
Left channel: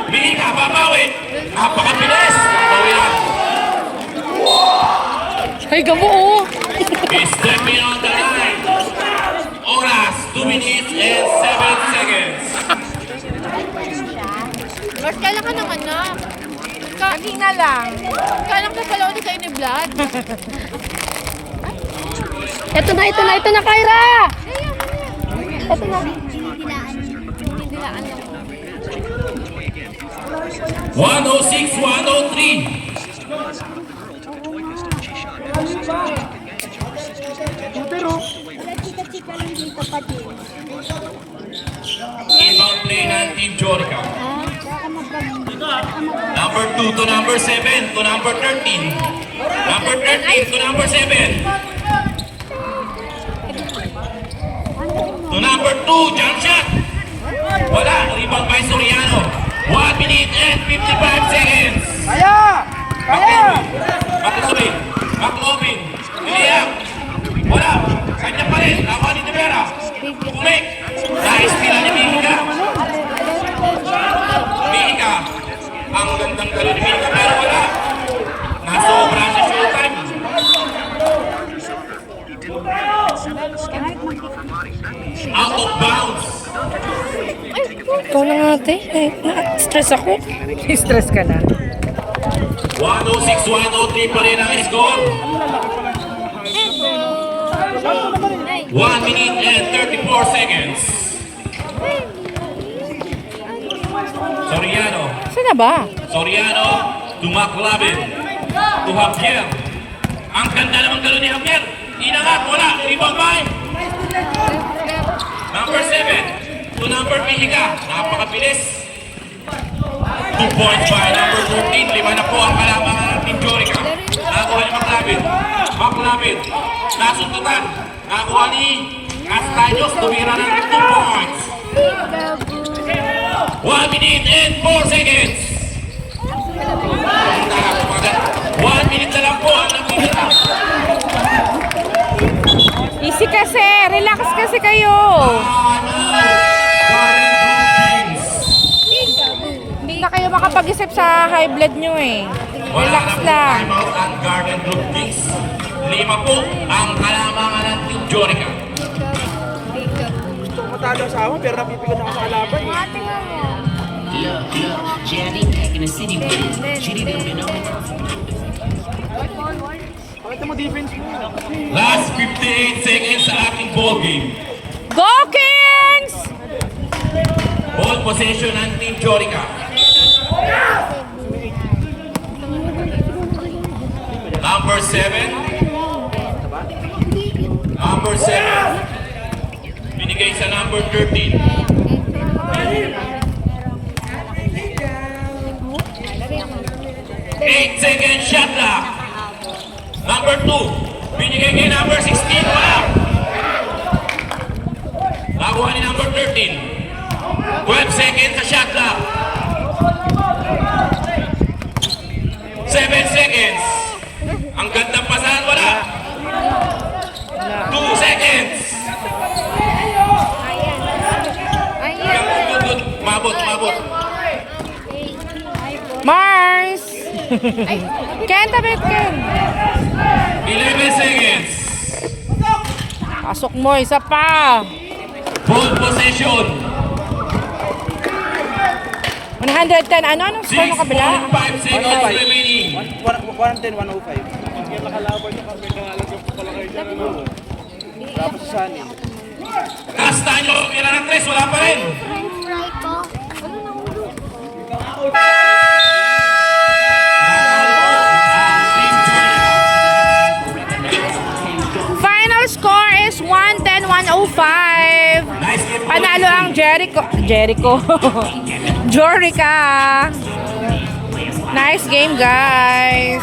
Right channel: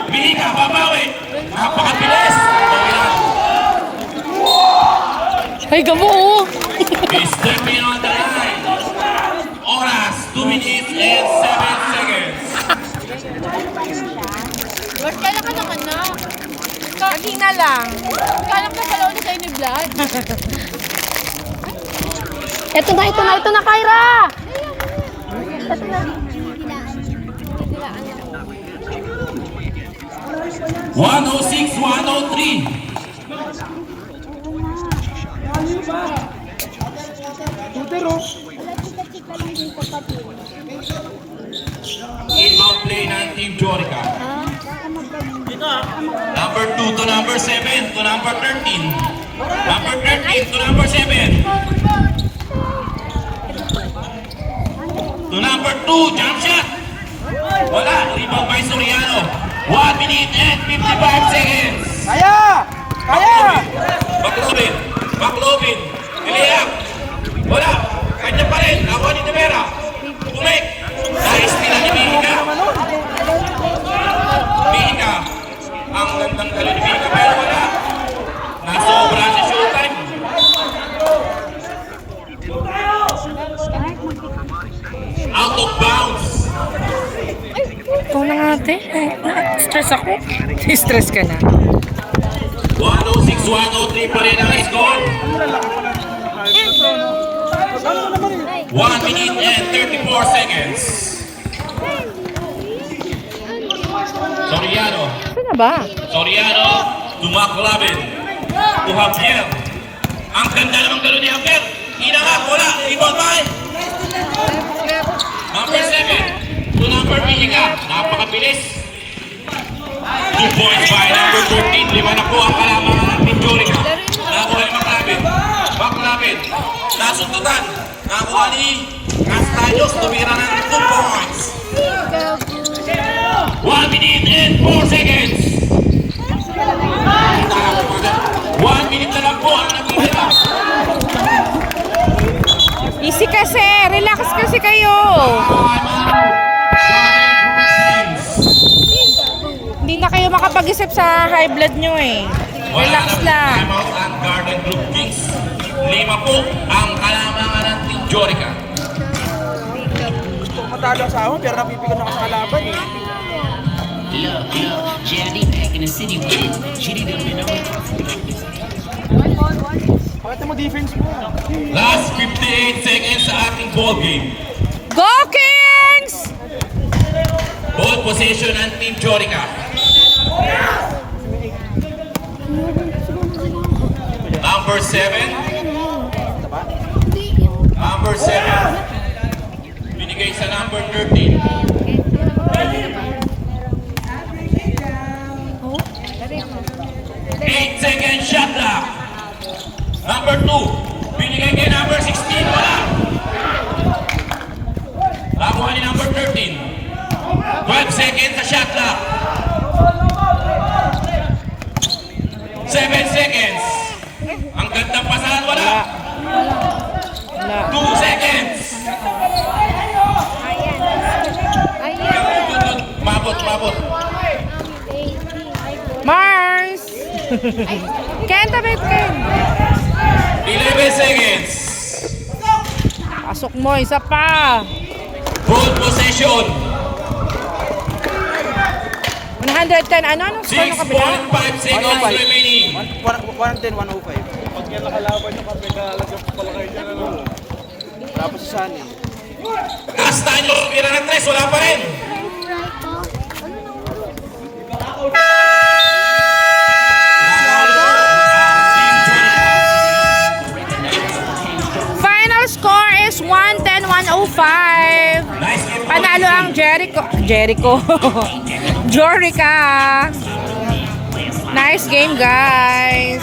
Binigay, babawi. Napakabilis. Soriano. Ay, gamo, oh. He's stepping on the line. Oras, 2 minutes and 7 seconds. Mas kailan mo ng anak? Kanina lang. Kailan mo pala ulit tayo ni vlog? Ito na, Kyra! Ito na. 106-103. Inbound play ng Team Jorica. Number 2 to number 7 to number 13. Number 13 to number 7. To number 2, jump shot. Wala, rebound by Soriano. 1 minute and 55 seconds. Maclovin. Iliyak. Wala. Kanya pa rin. Nakuha ni Tavera. Kumik. Nice tira ni Mihiga. Mihiga. Ang gandang gawin ni Mihiga. Pero wala. Nasobra sa showtime. Out of bounds. Ikaw na nga, ate. Stress ako. Stress ka na. 106-103 pa rin ang score. 1 minute and 34 seconds. Soriano. Saan na ba? Soriano to McLavin. To Javier. Ang ganda naman gano'n ni Javier. Inangat, wala. Ibang bay. Number 7 to number Super Mihika, napakabilis. 2 points by number 14. 5 na po ang kalamangan ng Team Jorica. Nakakuha ni Maclabin. Maclabin, nasuntutan. Nakakuha ni Castaños, tumira ng 2 points. 1 minute and 4 seconds. 1 minute na lang po ang nakuha. Easy kasi. Relax kasi kayo. Hindi na kayo makapag-isip sa high blood nyo eh. Relax lang. Timeout ang Garden Group Kings. 5 po ang kalamangan ng Team Jorica. Matalo sa ako, pero napipigan ako sa kalaban. Pakita mo defense mo. Last 58 seconds sa ating ball game. Go Kings! Ball possession ng Team Jorica. Number 7. Number 7. Binigay sa number 13. 8-second shot clock. Number 2. Binigay kay number 16. Wala. Nakuha ni number 13. 12 seconds sa shot clock. 7 seconds. Ang ganda pasahan, wala. 2 seconds. Mabot. Mars! Kenta Betton! 11 seconds. Pasok mo, isa pa. Ball possession. 110. Anong score ng kabila? 6.5 seconds remaining. 110, 105. Pag yan nakalaban yung kami kalagos ko pala kayo dyan. Tapos sa Sunny. Castaño, kira ng 3, wala pa rin. Final score is 110-105. Panalo ang Jorica. Nice game, guys.